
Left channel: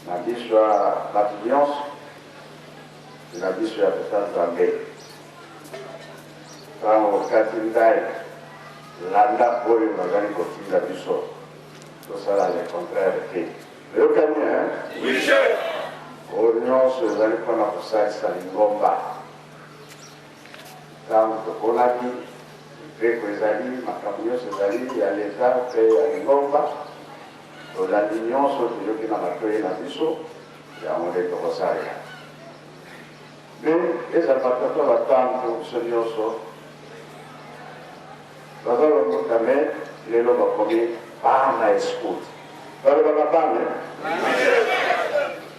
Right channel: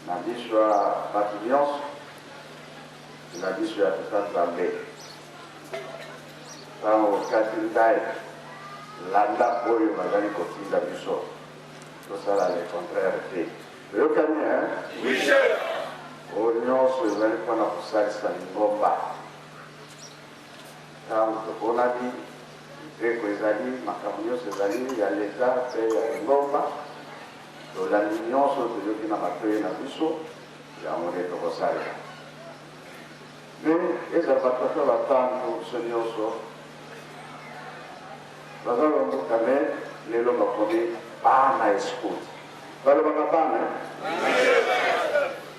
na biswa batnyonso na biso ya Tanzania. Kama wakati ndai landa oyo bazali kotinda biso tosala le contraire te oyokani oyo nyonso ezali mpona kosalisa lingomba ntango tokonani mipeko ezali makambo nyonso ezali ya leta mpe ya lingomba tolandi nyonso toyoki na matoyi na biso yango nde tokosalela me ezala batata batango biso nyonso bazolongoka me lelo bakomi bana escout balobaka bana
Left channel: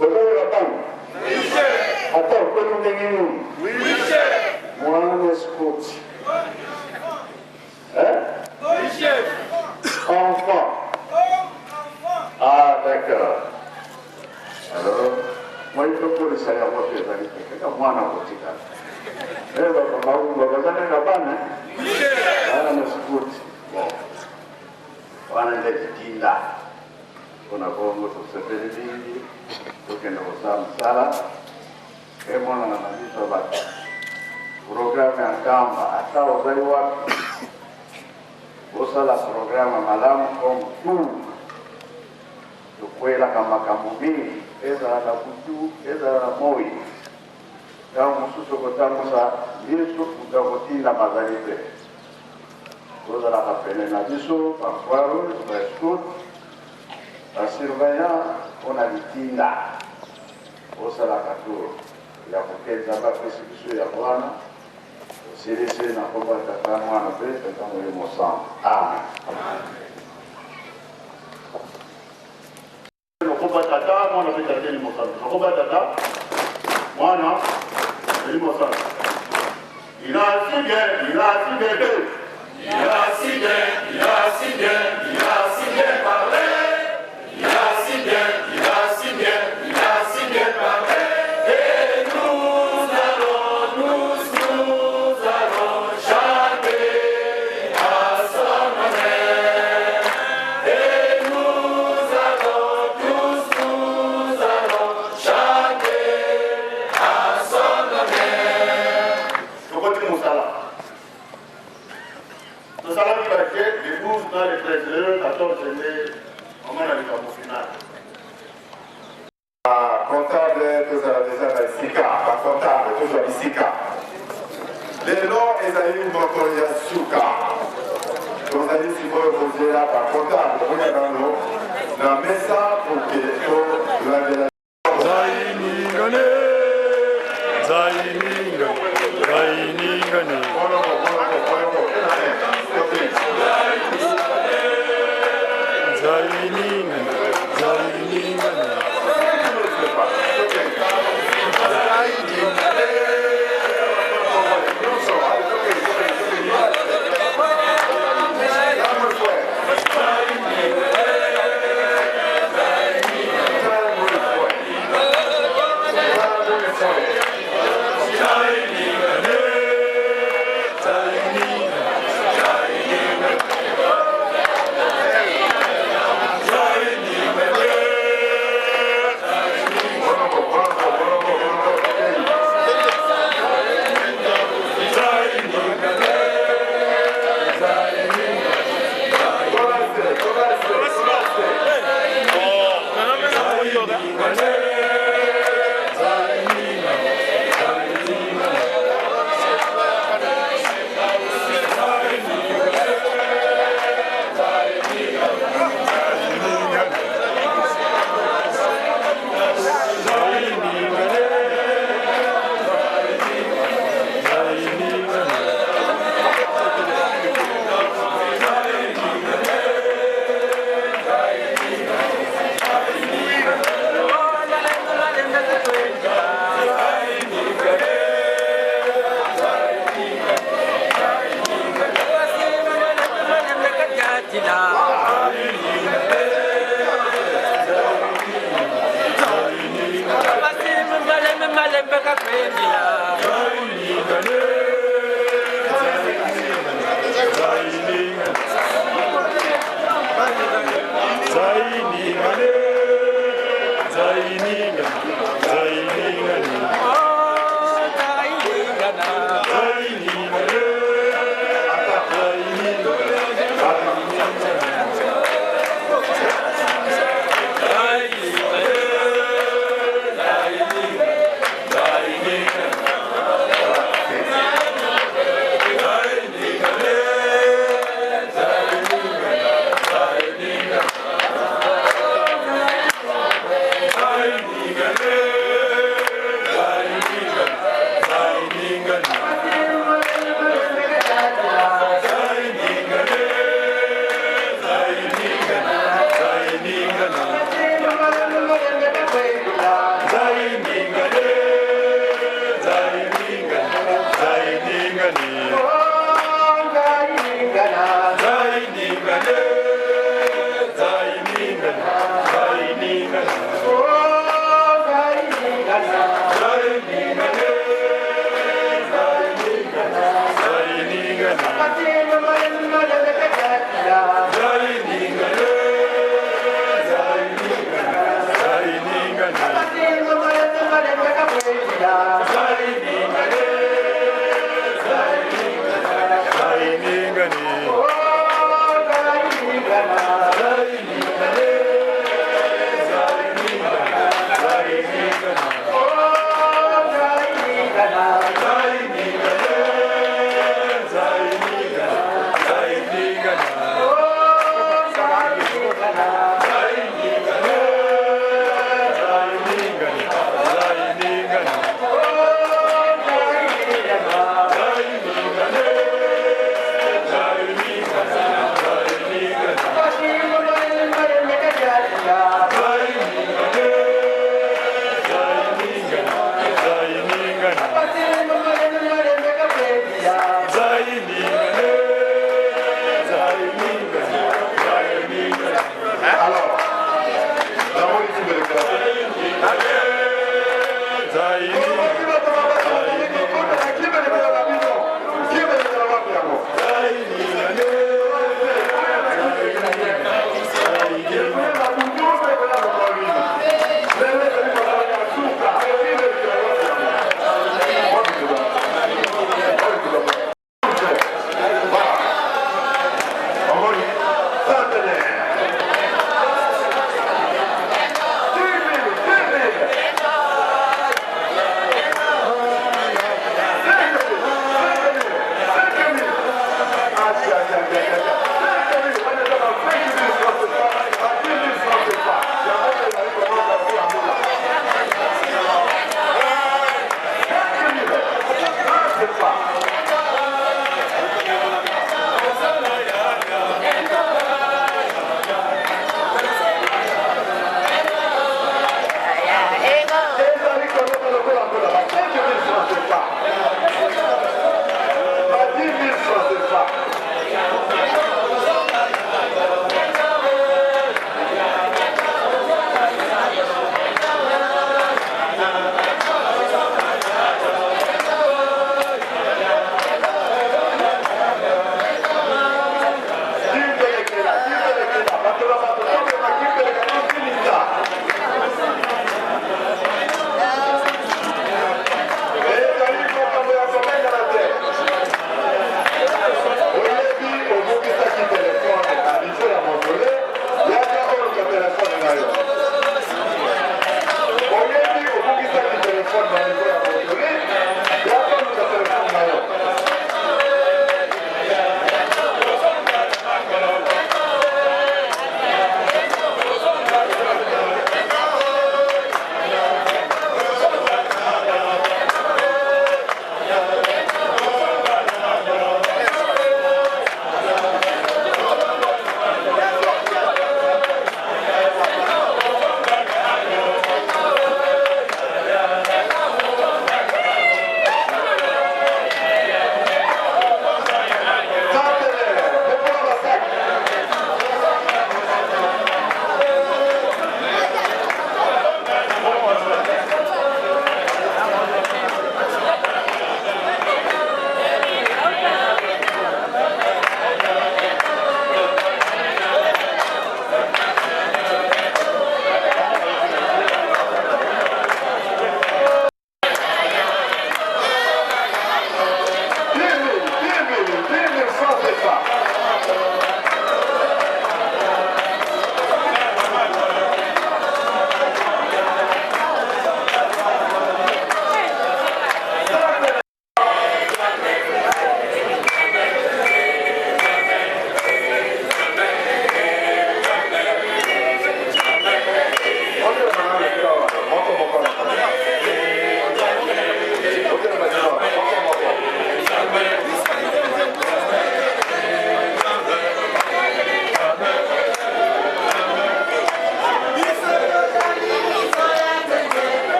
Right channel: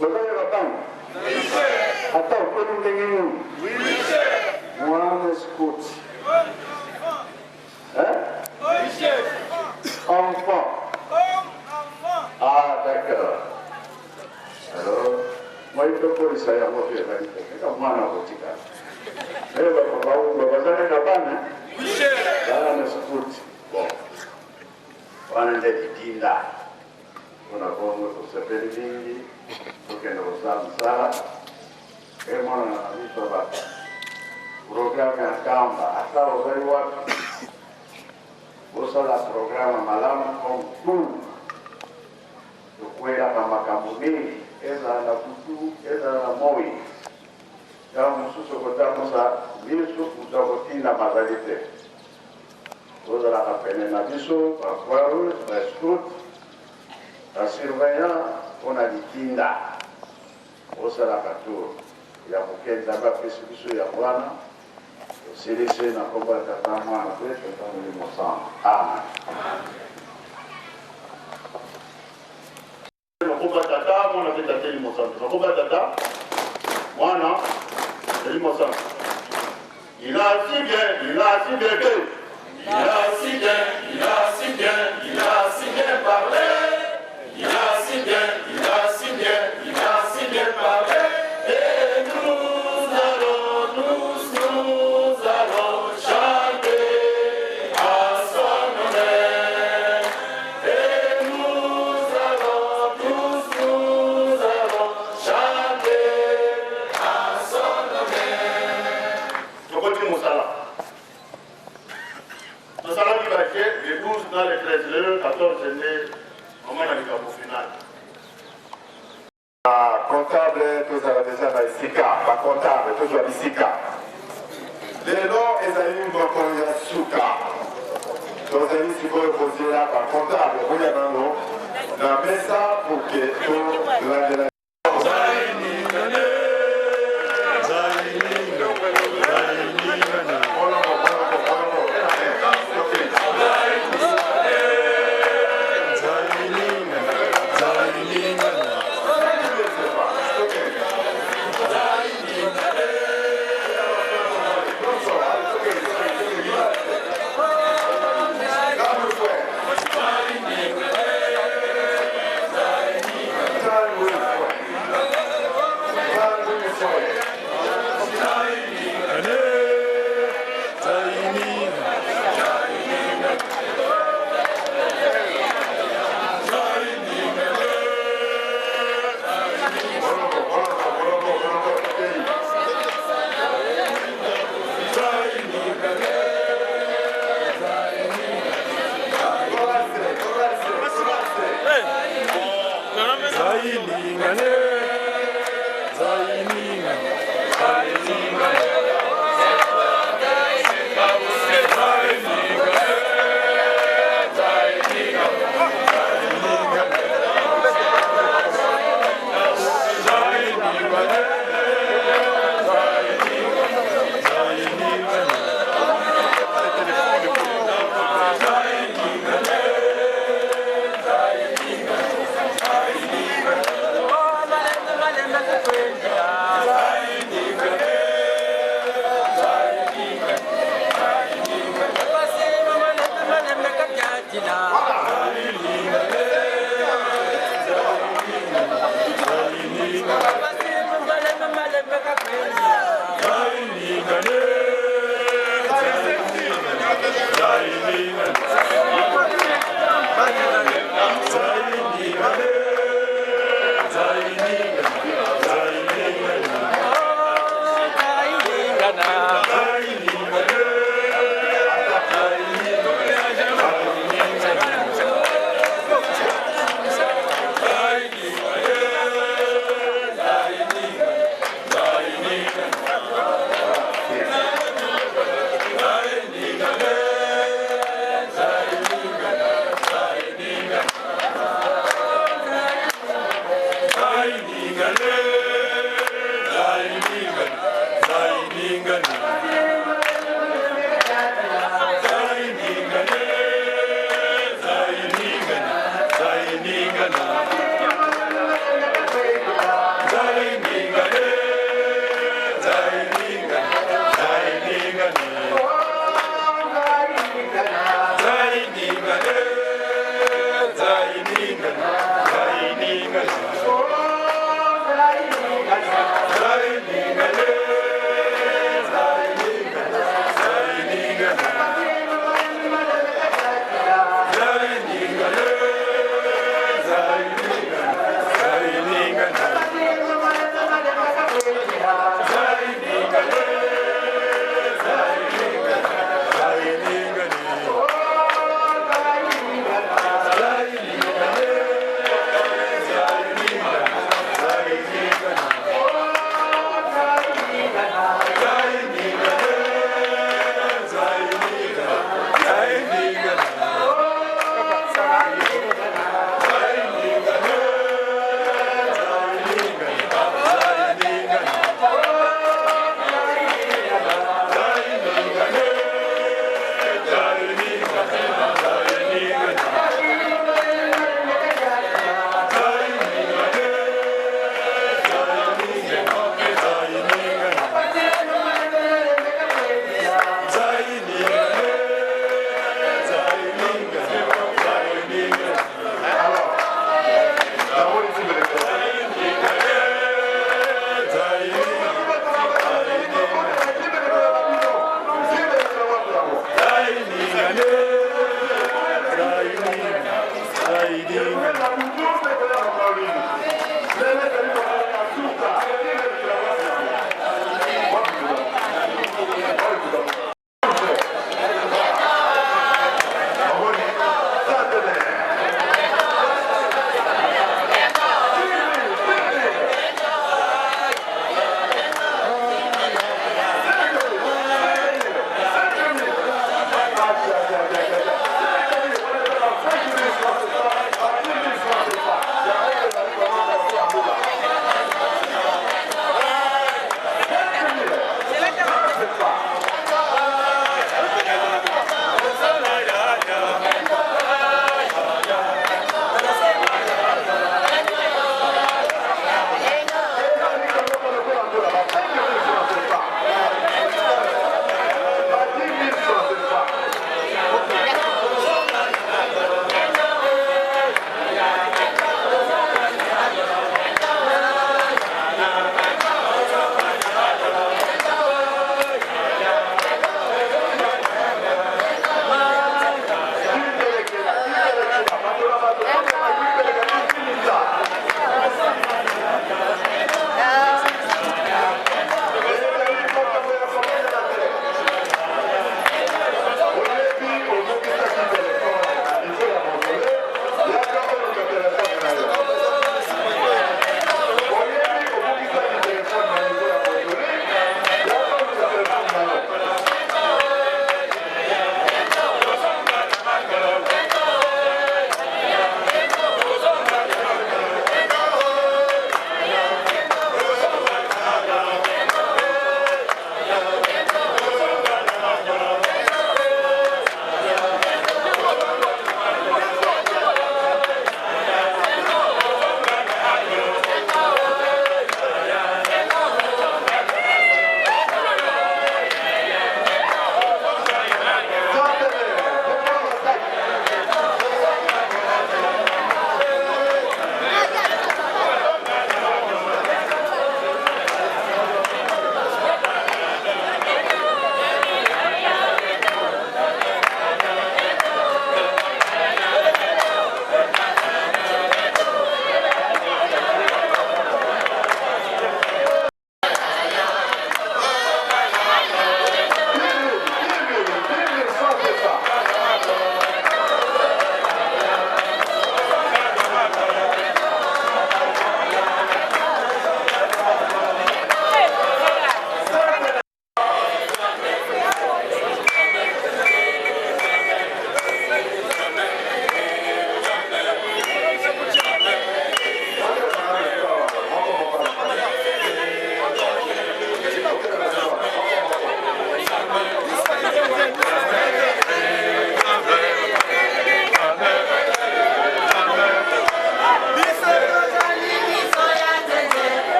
ozoloba bana ata okoni ndenge nini mwana escout enfant. Ah, d'accord. Alors, moi, il faut que ça y a moi qui est allé. Moi, non, je dis ça. Mais on va où? On va aller là-bas, hein? Là, on écoute. Bon. On a des dinda. On a comme notre certaine ligne. Pour que nous ressemble ça. Et moi, on a mis ça là. Programme en camp. Hasta aux aïouaks. Osala programa malamu comme tout. Tukwela kama kamubiri ezala kutu ezala moi ya mususu kotambuza yesu kutakotinda magali te ozalaka pene na biso bafoire bascout basurveillant mpona litinda osalaka tour ya kokenza bapesi biso ya bwana tosilisi na kombo ya tata mwana mpe totamoli mosango amen. Nakomba tata mwana mpe tateli mosango nakomba tata mwana eli mosango il a si bien que il a si bien parlé il a si bien parlé et nous allons chanter à son honneur et nous allons chanter à son honneur. Donc continue Moussala. Moussala qui va être les 12 dans les 13 heures, 14 heures, on va aller au final. Comptable, tous déjà dans Sika, pas comptable, toujours à Sika. Les noms, ils allaient nous montrer à Souka. Donc, allez si vous reposez là, par comptable, vous êtes dans l'eau. Dans le message pour que tout la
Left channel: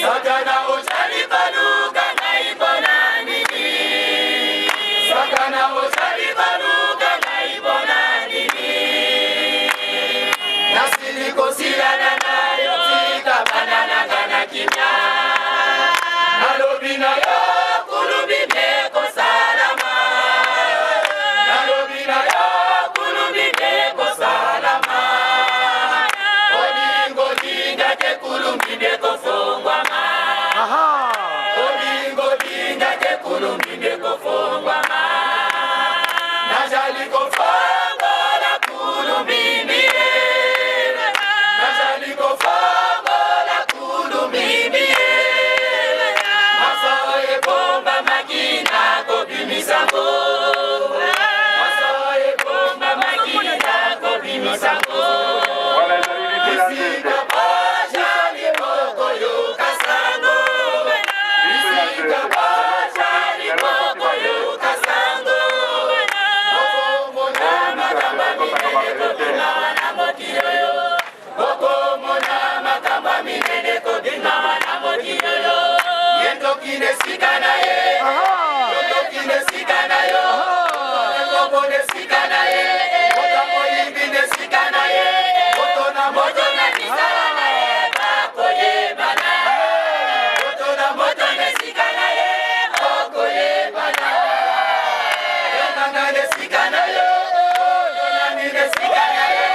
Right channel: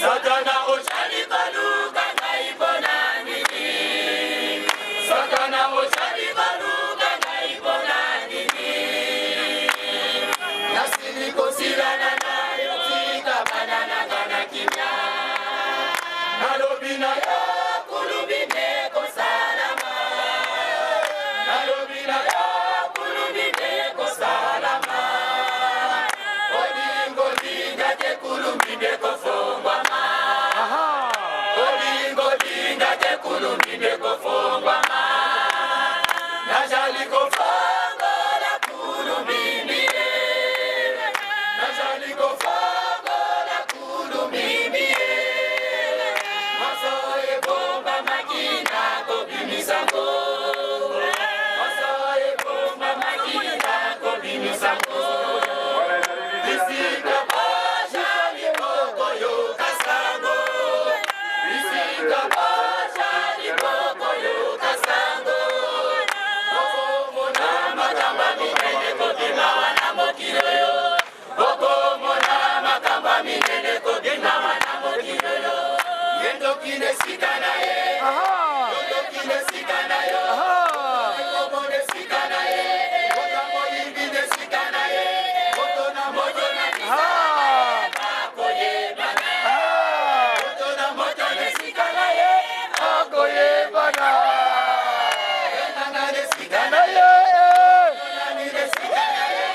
Satana ochali baluka naibona nini. Satana ochali baluka naibona nini. Nasiliko silana nayo tika banana gana kimya. Nalobina yo kulubine ko salama. Nalobina yo kulubine ko salama. Olingo linga te kulubine ko fongwama. Olingo linga te kulubine ko fongwama. Najali ko fongola kulubine. Najali ko fongola kulubine. Masoye bomba makina ko bimisango. Masoye bomba makina ko bimisango. Isika pasha liboko yo kasango. Isika pasha liboko yo kasango. Boko mona makamba minene ko bimawa na mokiro yo. Boko mona makamba minene ko bimawa na mokiro yo. Yendo kine sikana ye. Yendo kine sikana yo. Yendo kine sikana ye. Bota moyimbi ne sikana ye. Boto na moto na nisana ye. Bako ye bana. Boto na moto ne sikana ye. Bako ye bana. Yonanga ne sikana ye. Boto na ni ne sikana ye.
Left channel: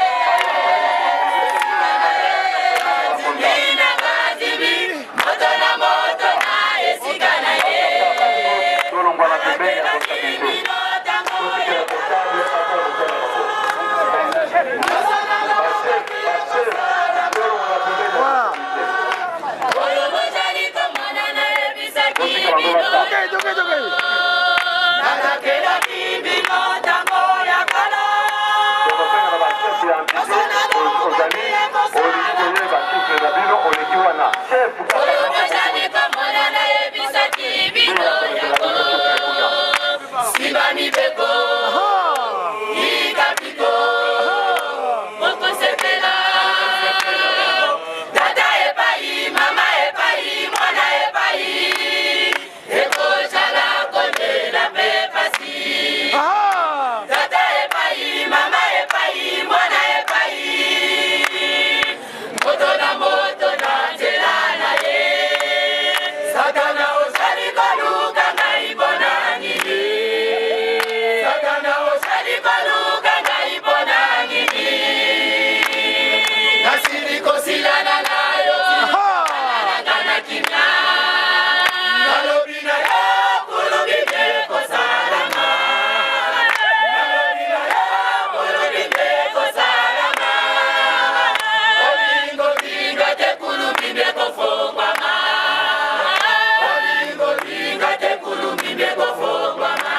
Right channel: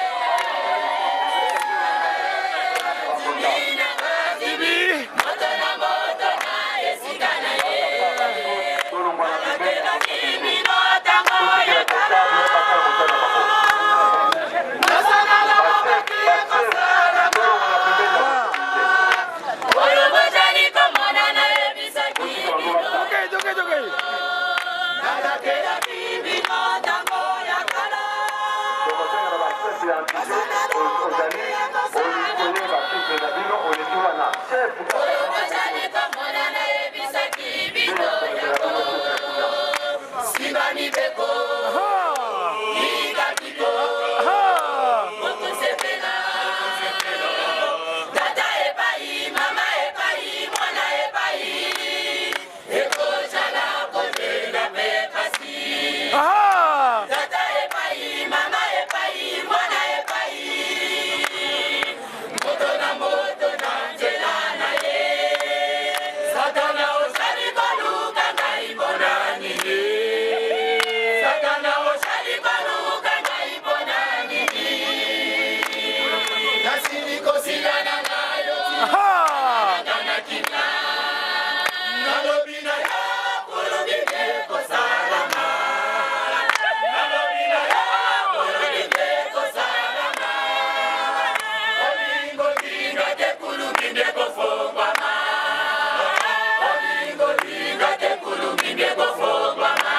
Azimina azibi. Moto na ye sikana ye. Anakena kimi no tango ye. Oyo mozali komona na ebisa kimi no. Anakena kimi no tango ya kala. Masana no mokabile kosala. Oyo mozali komona na ebisa kimi no ya kala. Sibani beko, ikapiko, moko sepela. Dada epai, mama epai, mwana epai. Eko chala konde na pepasi. Dada epai, mama epai, mwana epai. Moto na njela na ye. Satana osali koluka ngaibona nini. Satana osali koluka ngaibona nini. Nasiliko silana nayo nana kimya. Nalobina ya kulubine ko salama. Nalobina ya kulubine ko salama. Olingo linga te kulubine ko fongwama. Olingo linga te kulubine ko fongwama.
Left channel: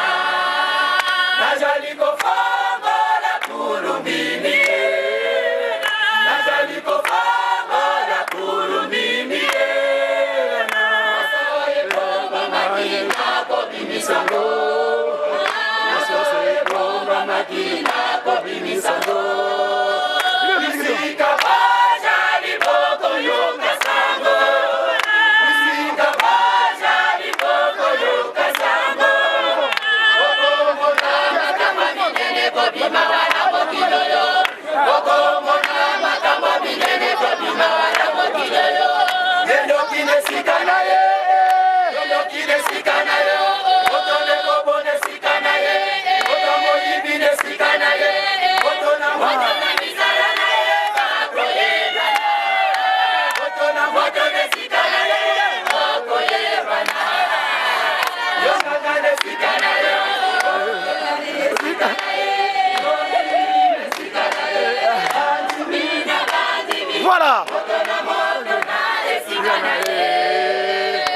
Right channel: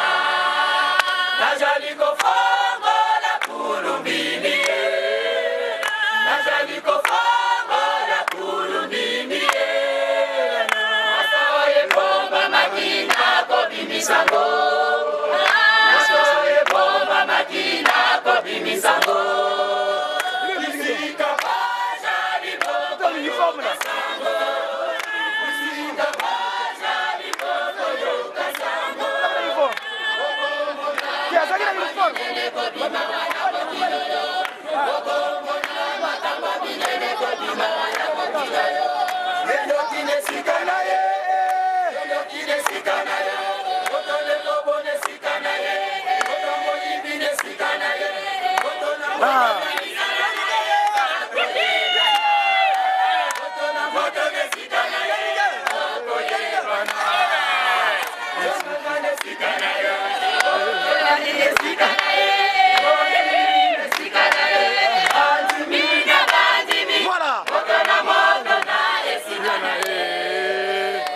Najali ko fongola kulubine. Najali ko fongola kulubine. Masoye bomba makina ko bimisango. Masoye bomba makina ko bimisango. Isika pasha liboko yo kasango. Isika pasha liboko yo kasango. Boko mona makamba minene ko bimawa na mokiro yo. Boko mona makamba minene ko bimawa na mokiro yo. Yendo kine sikana ye. Yendo kine sikana yo. Boto ne kobo ne sikana ye. Boto moyimbi ne sikana ye. Boto na moto na nisara na ye. Bako ye bana. Boto na moto ne sikana ye. Bako ye bana. Yonanga ne sikana ye. Yonanga ne sikana ye. Yonanga ne sikana ye. Azimina azimi. Boto na moto na ye sikana ye.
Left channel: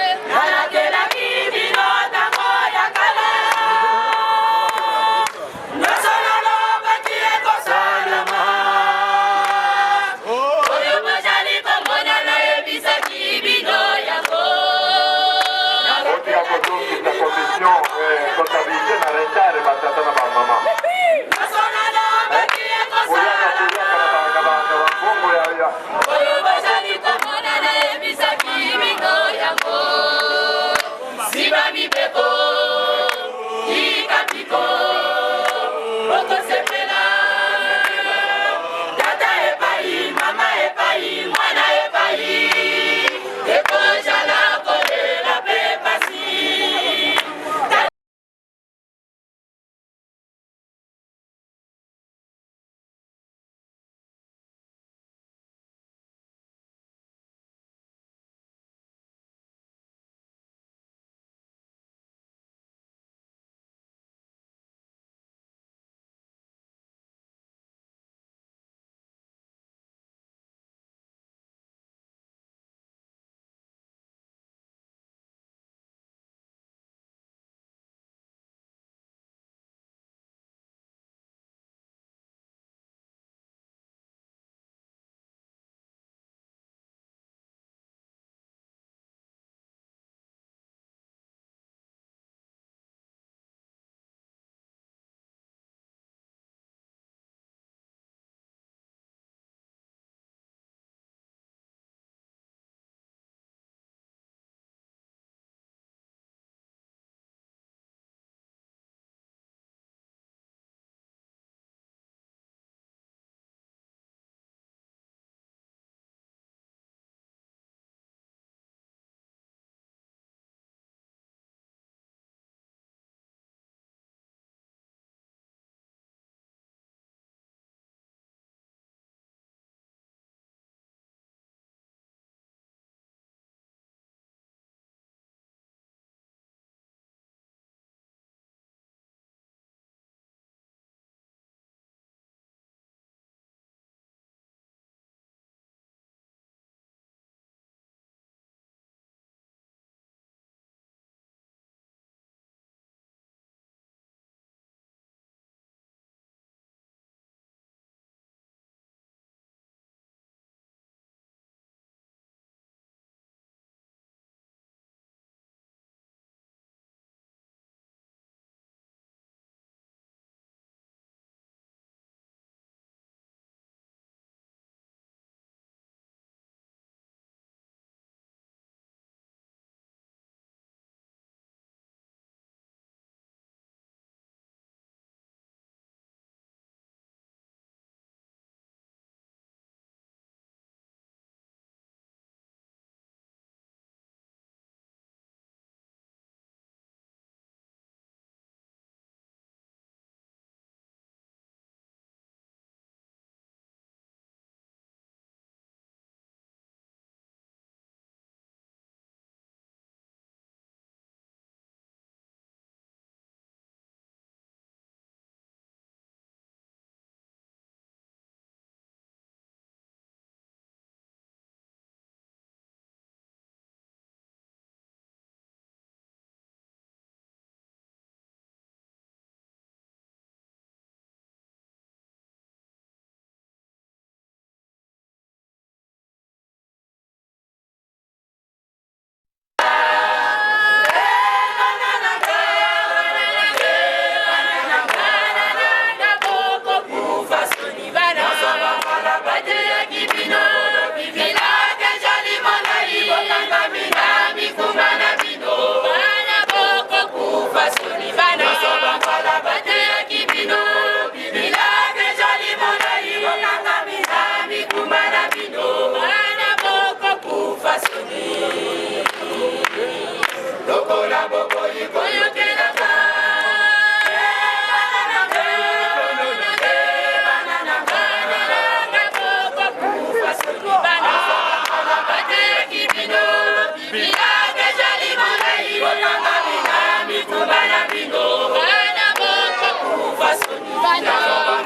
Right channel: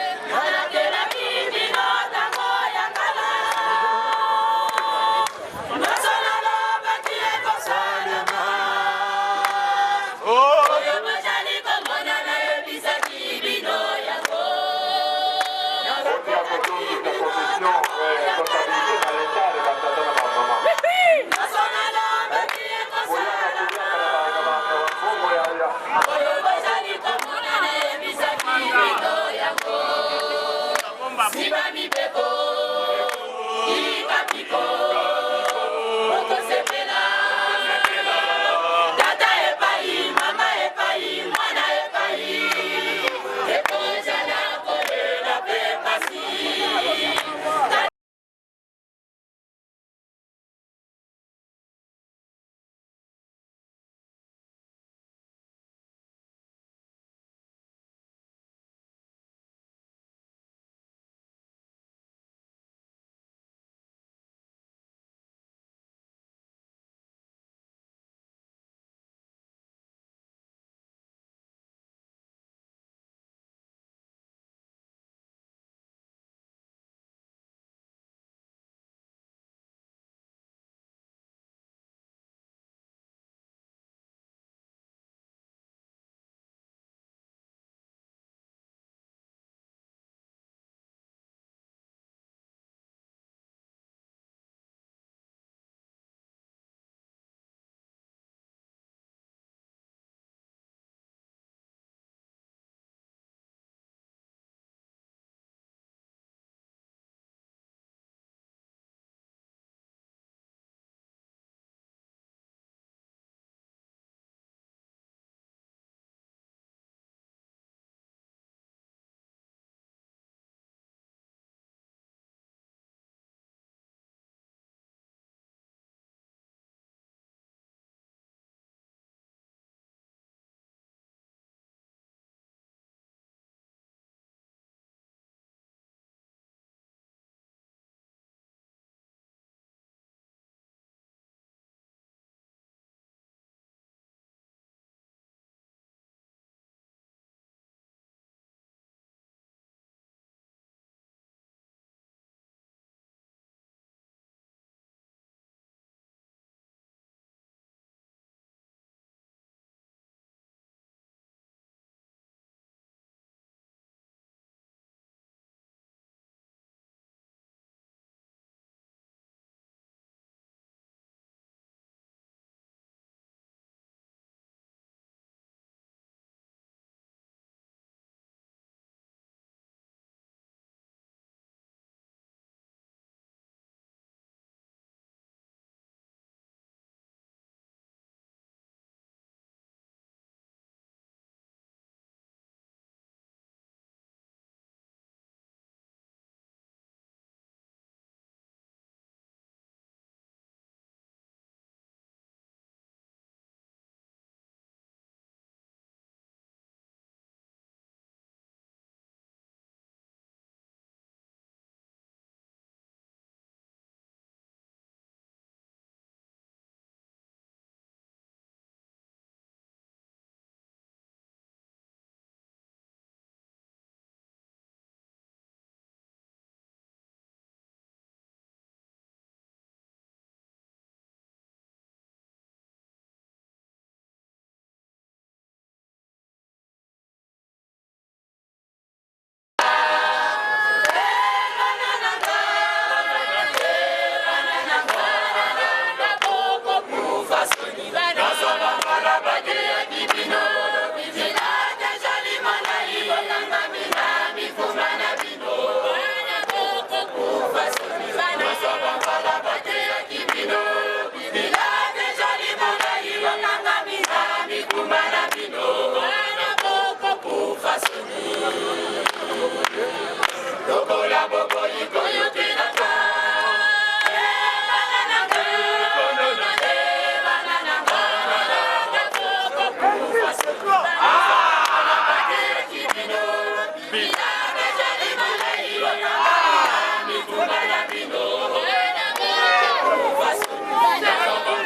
Milage jali malai Botanga minami kumbana bino Bana bote kufa soni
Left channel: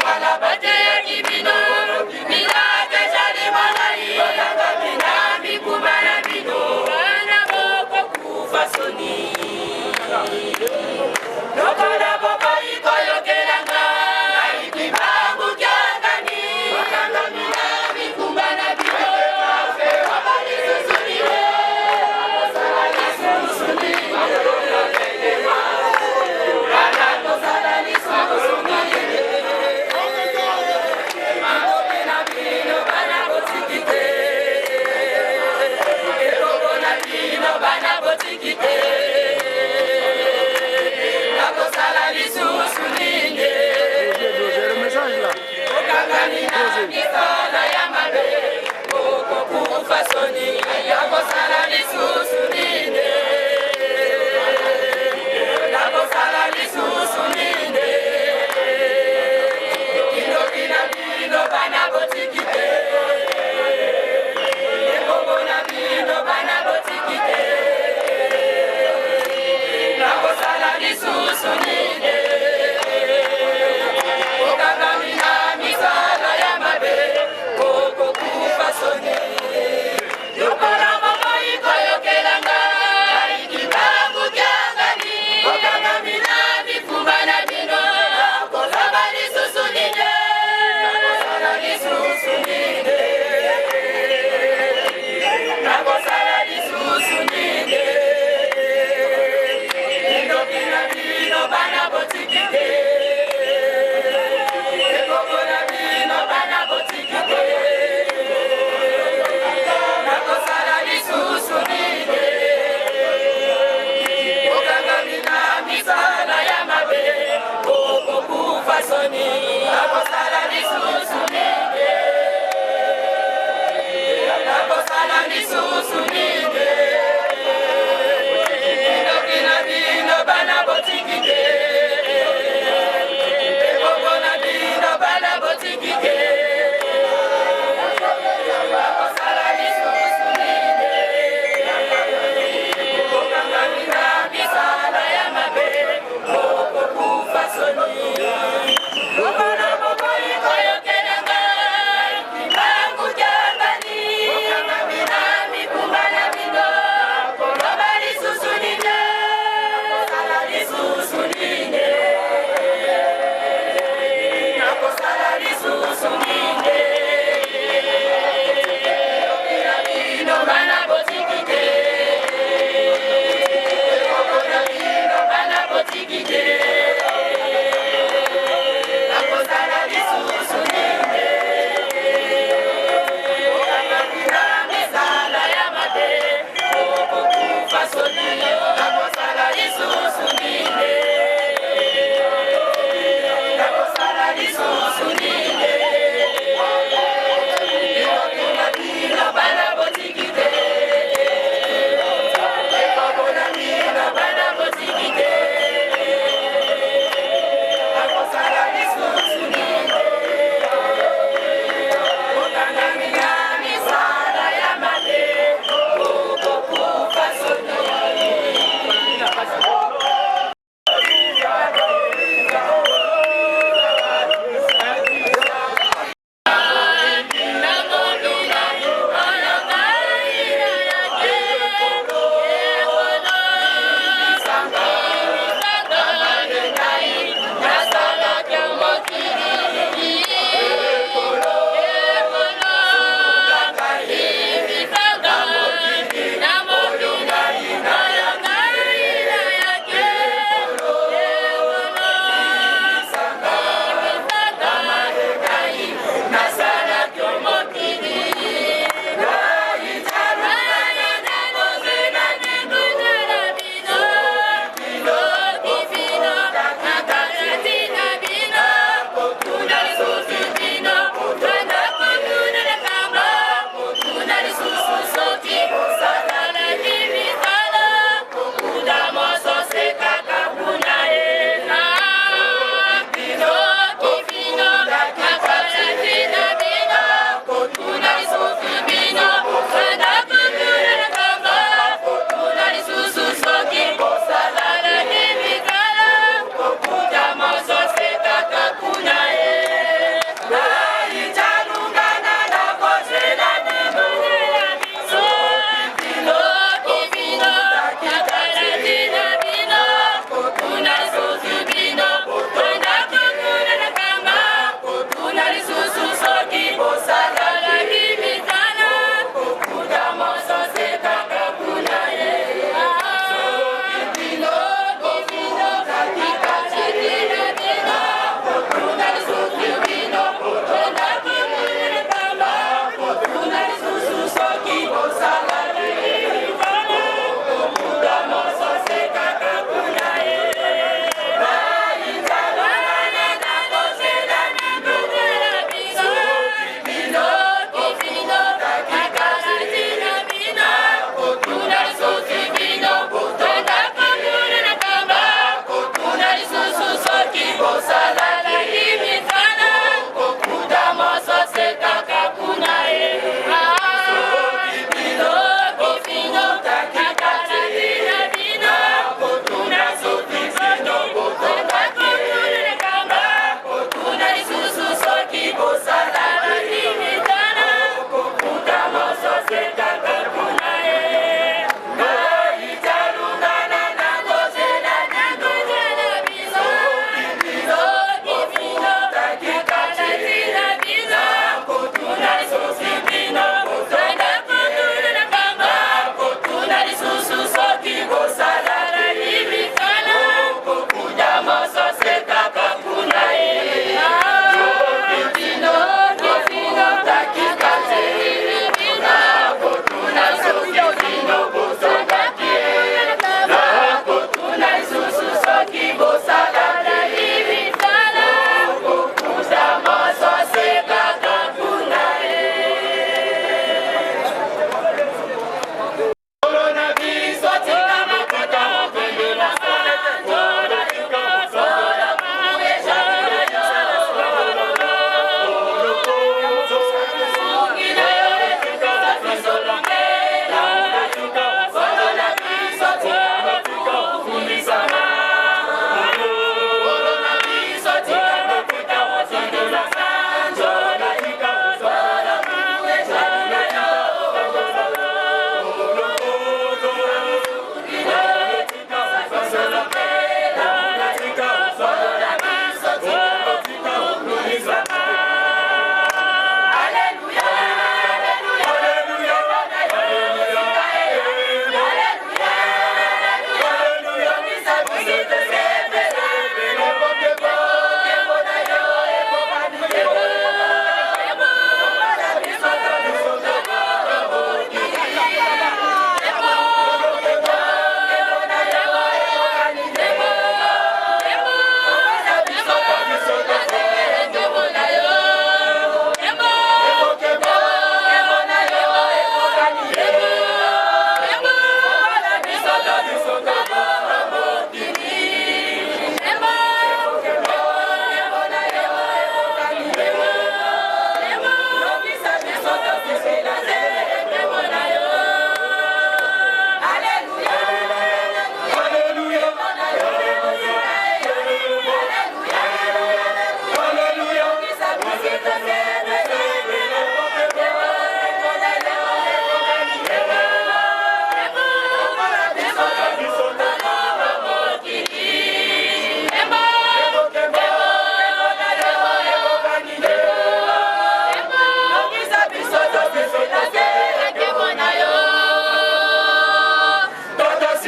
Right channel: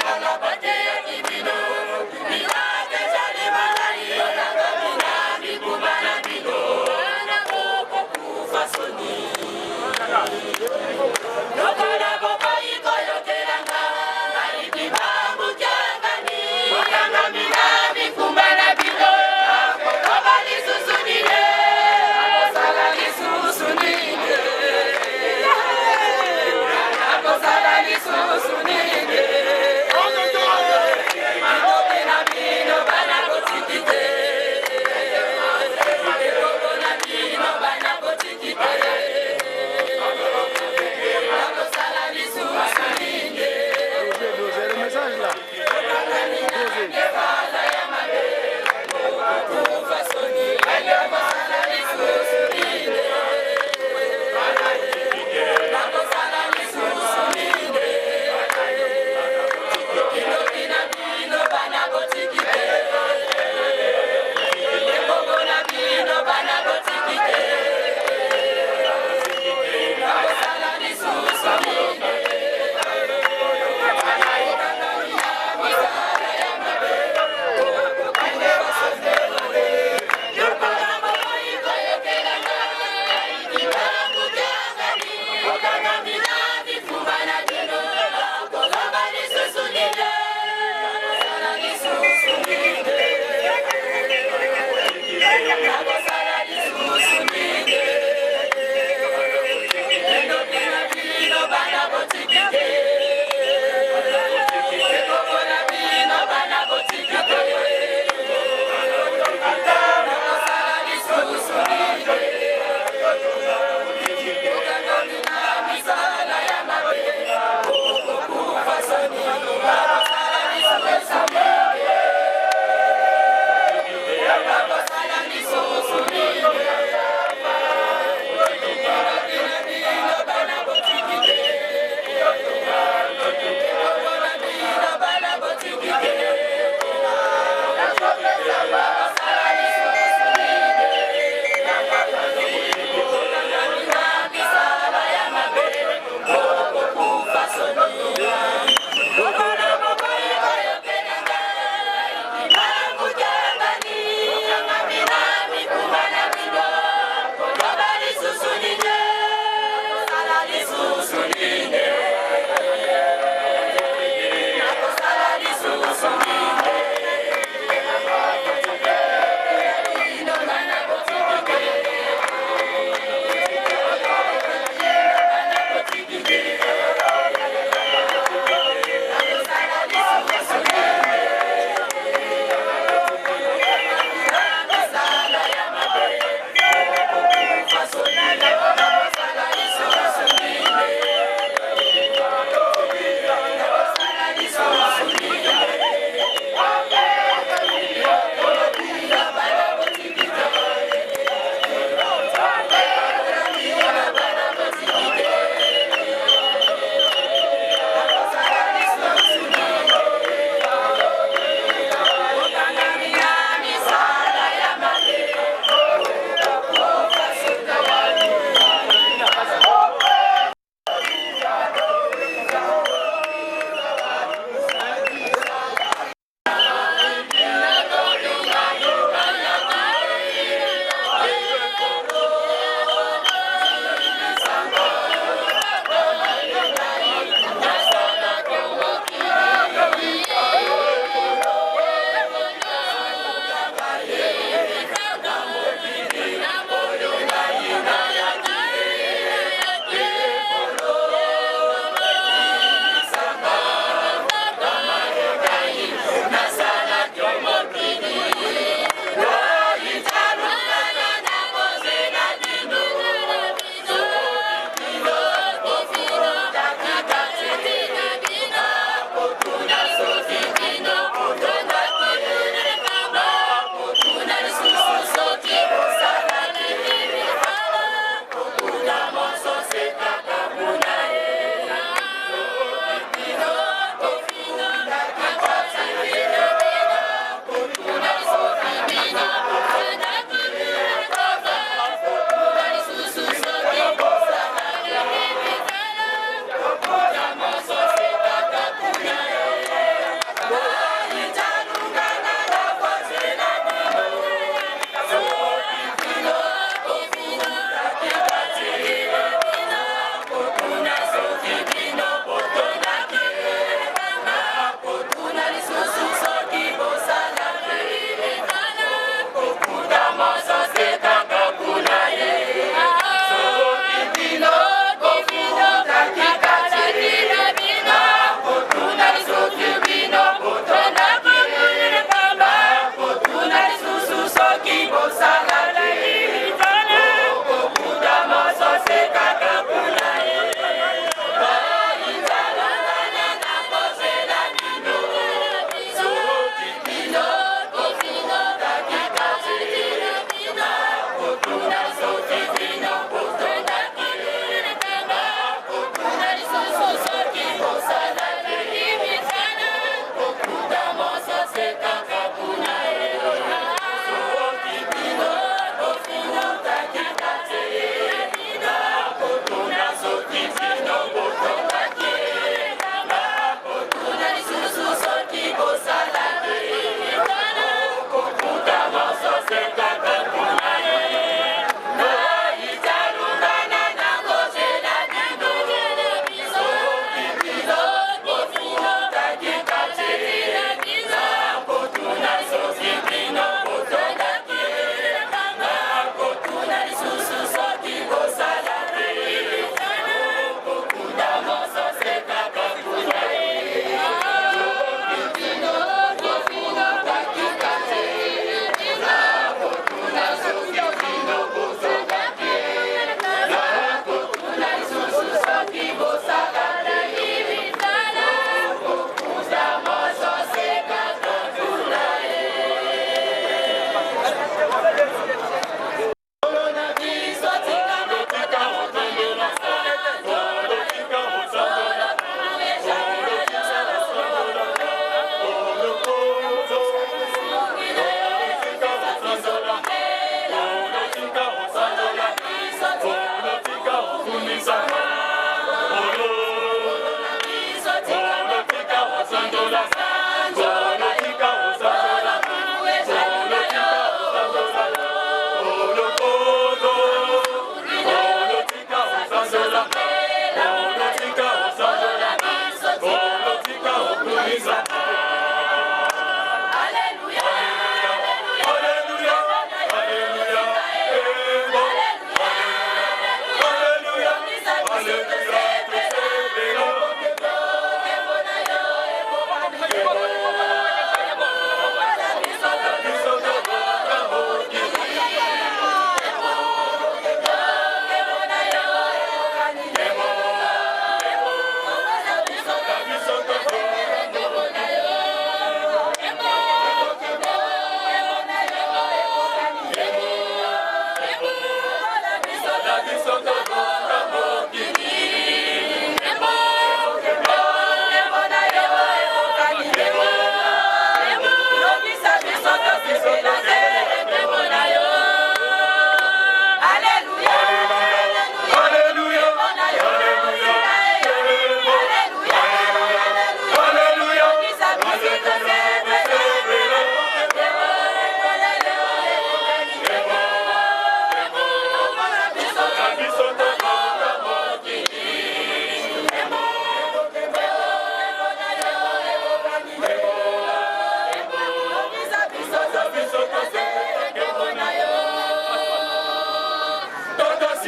Bana bate kibino Milage jali malai Botanga minami kumbana bino Bana bote kufa soni Lokola baba iko yokelanga Aiki bangu kiangani Botanga minami kumbana bino Baba lisusunile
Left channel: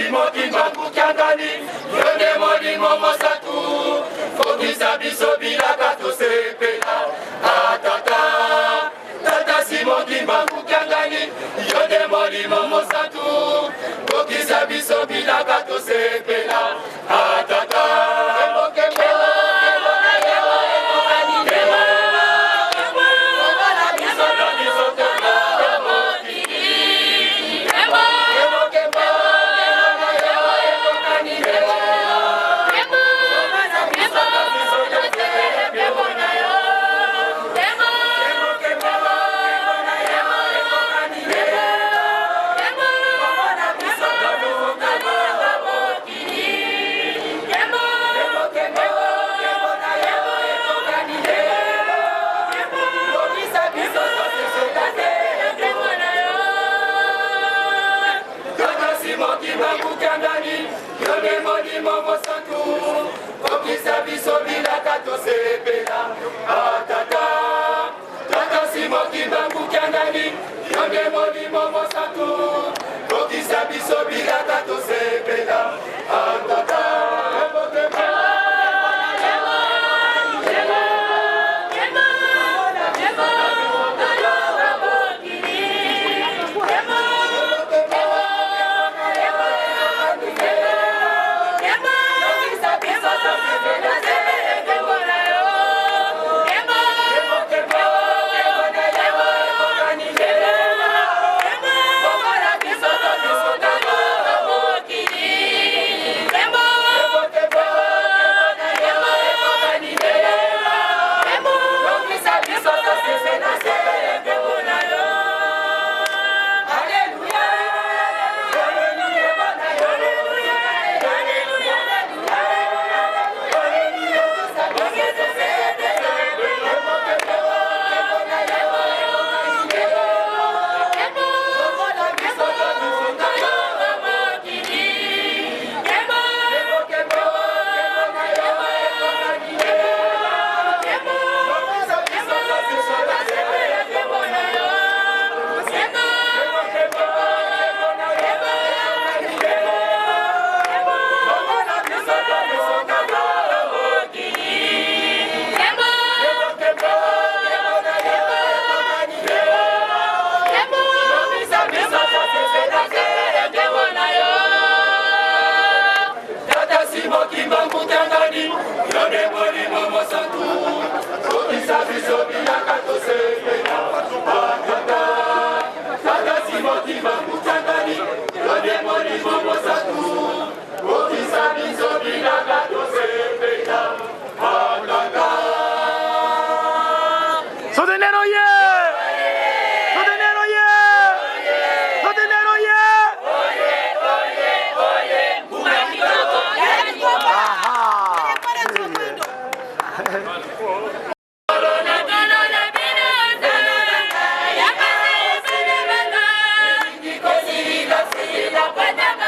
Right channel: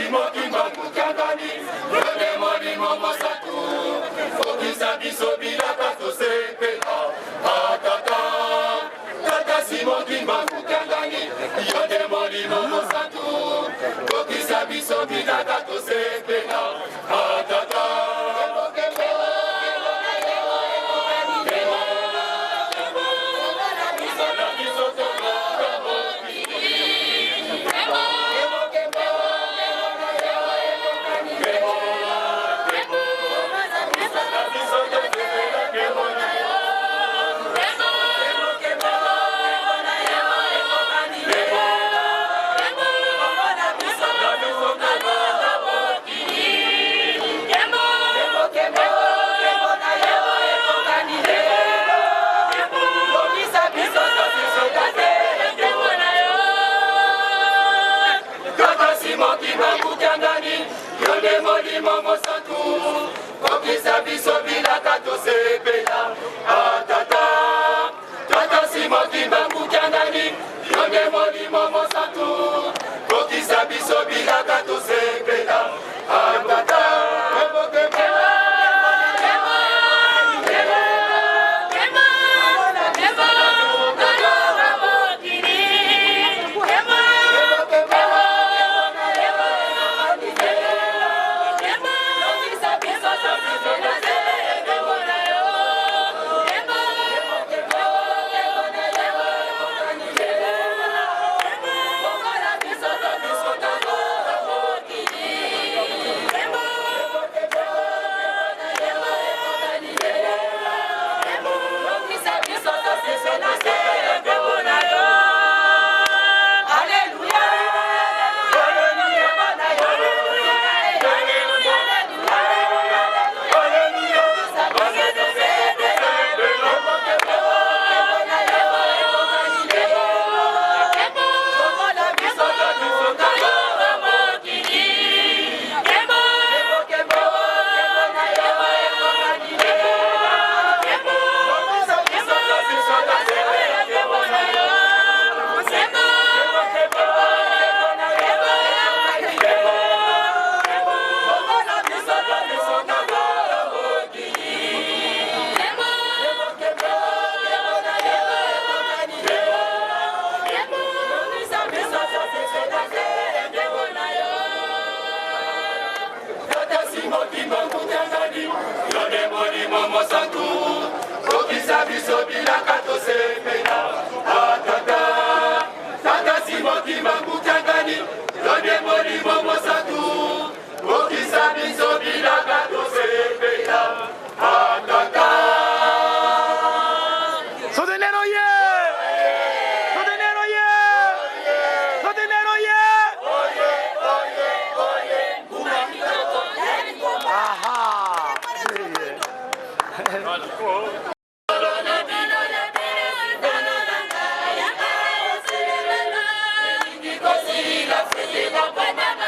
simoki bangu kiangani yone molimo mosatu fokisa biso bilaka tosepela atata tata simoki bangu kiangani yone molimo mosatu fokisa biso bilaka tosepela atata Okisa biso bilaka tosepela atata tata simoki bangu kiangani yonde molimo mosatu okisa biso bilaka tosepela atata Bye.